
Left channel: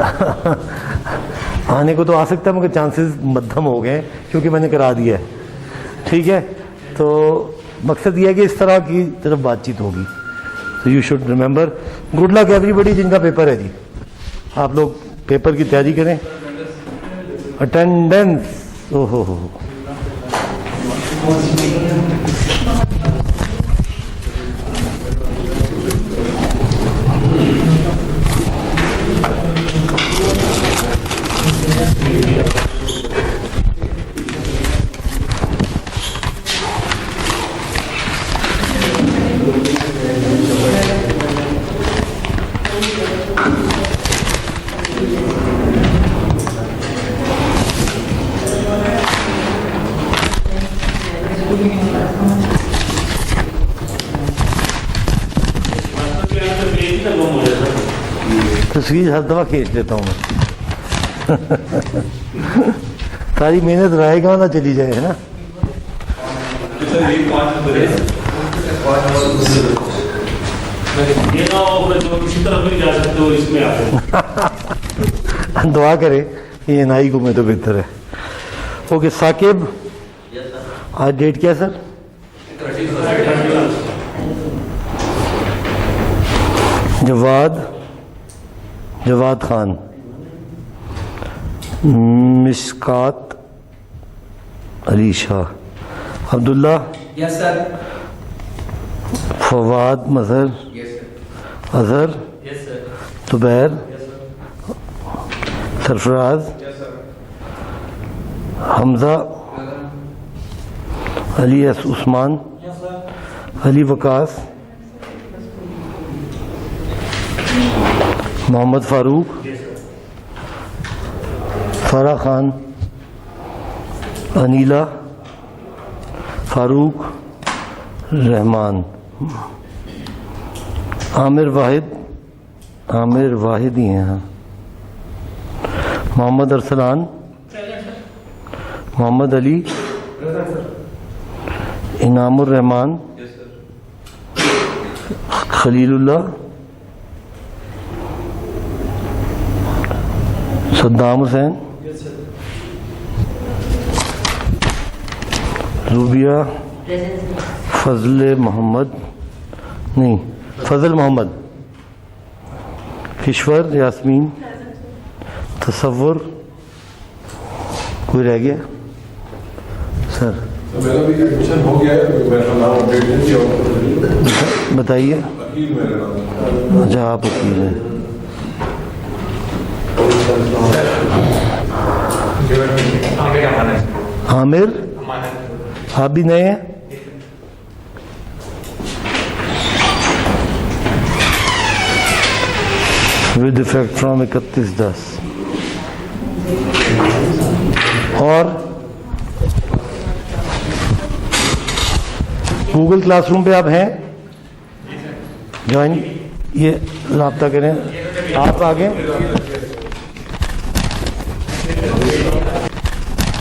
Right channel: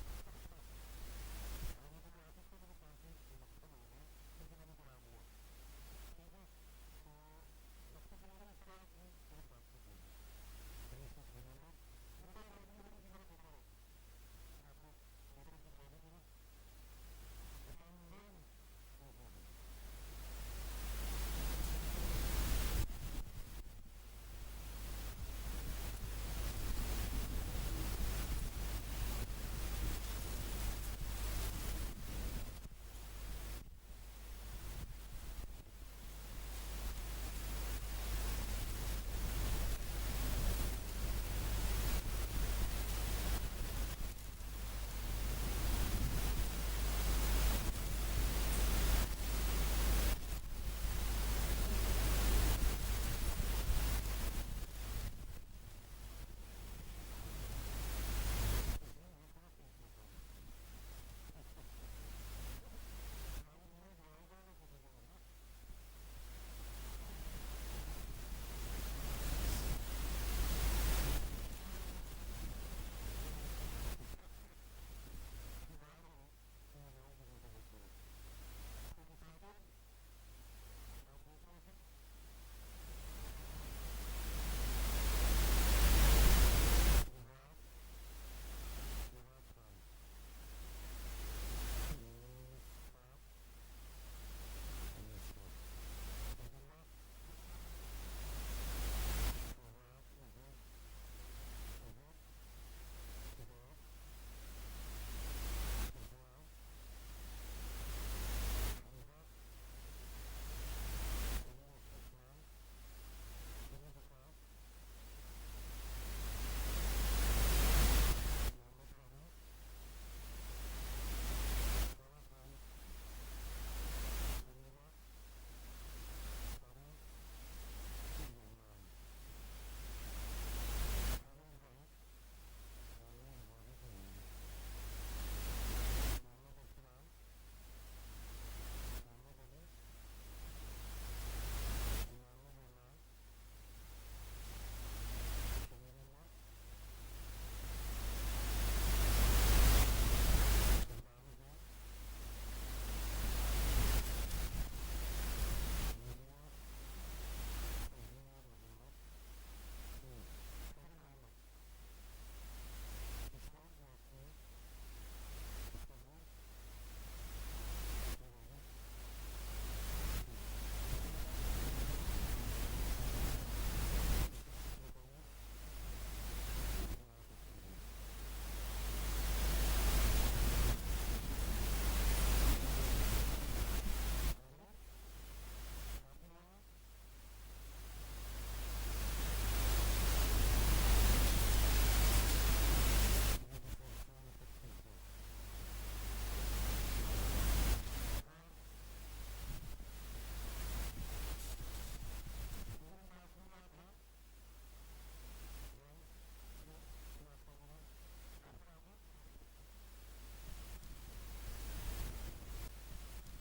आने को तो आ सकता है मगर चांसेस मध्यम हो गए क्योंकि मैंने करा दिया है। ठीक है, तो मकसद ये है कि इस तरह की तरफ बातचीत होगी। तो you should remember. Good luck everybody जिनका पेपर है जी। आप लोग पेपर की तैयारी करें। अटेंडेंस, ओहो हो तस्वीर हर दफा खींच लेता हूँ मैं। सारी मेहनत रहेगा ना चली जाए, है ना। ये ना हो जो किसी तरफ नहीं जा सकते हो इसमें आते दुआ करें ये एनआई को मैं तो बेहतर है। ओके साकिब, आज डेट क्या है sir? Jawad Khan, Mishkat Ali Shah, Abdullah, yes sir. Fawad Mazhar, Yes, sir. Azhar, yes sir. Zubair, Sarfaraz, Hamza, Ali S Usman, Ali Waqas, Mohammad Farooq, Farah Khan, Aneela, Farooq, Rehman, Aamir Wahid ही हैं यहाँ, मोहम्मद अरसलान, मोहम्मद अली, इनामुर रहमान, खलीलुल्लाह, सद्दाम हुसैन, रूबिया, फजल मोहम्मद, किश्वर, यास्मीन, तसव्वुर, कोई रह गया सर? मेरा भी एडमिशन हो गया है, मेरा नाम अपडेट नहीं किया। बताइए। वकील मेरा नाम। अच्छा आप वकील हैं। आमिर, आप भी नए हैं? With effect from 31/10। और गूगल क्लासरूम पे आप हैं? ज्वाइन, ये राब्ता करें। आप आगे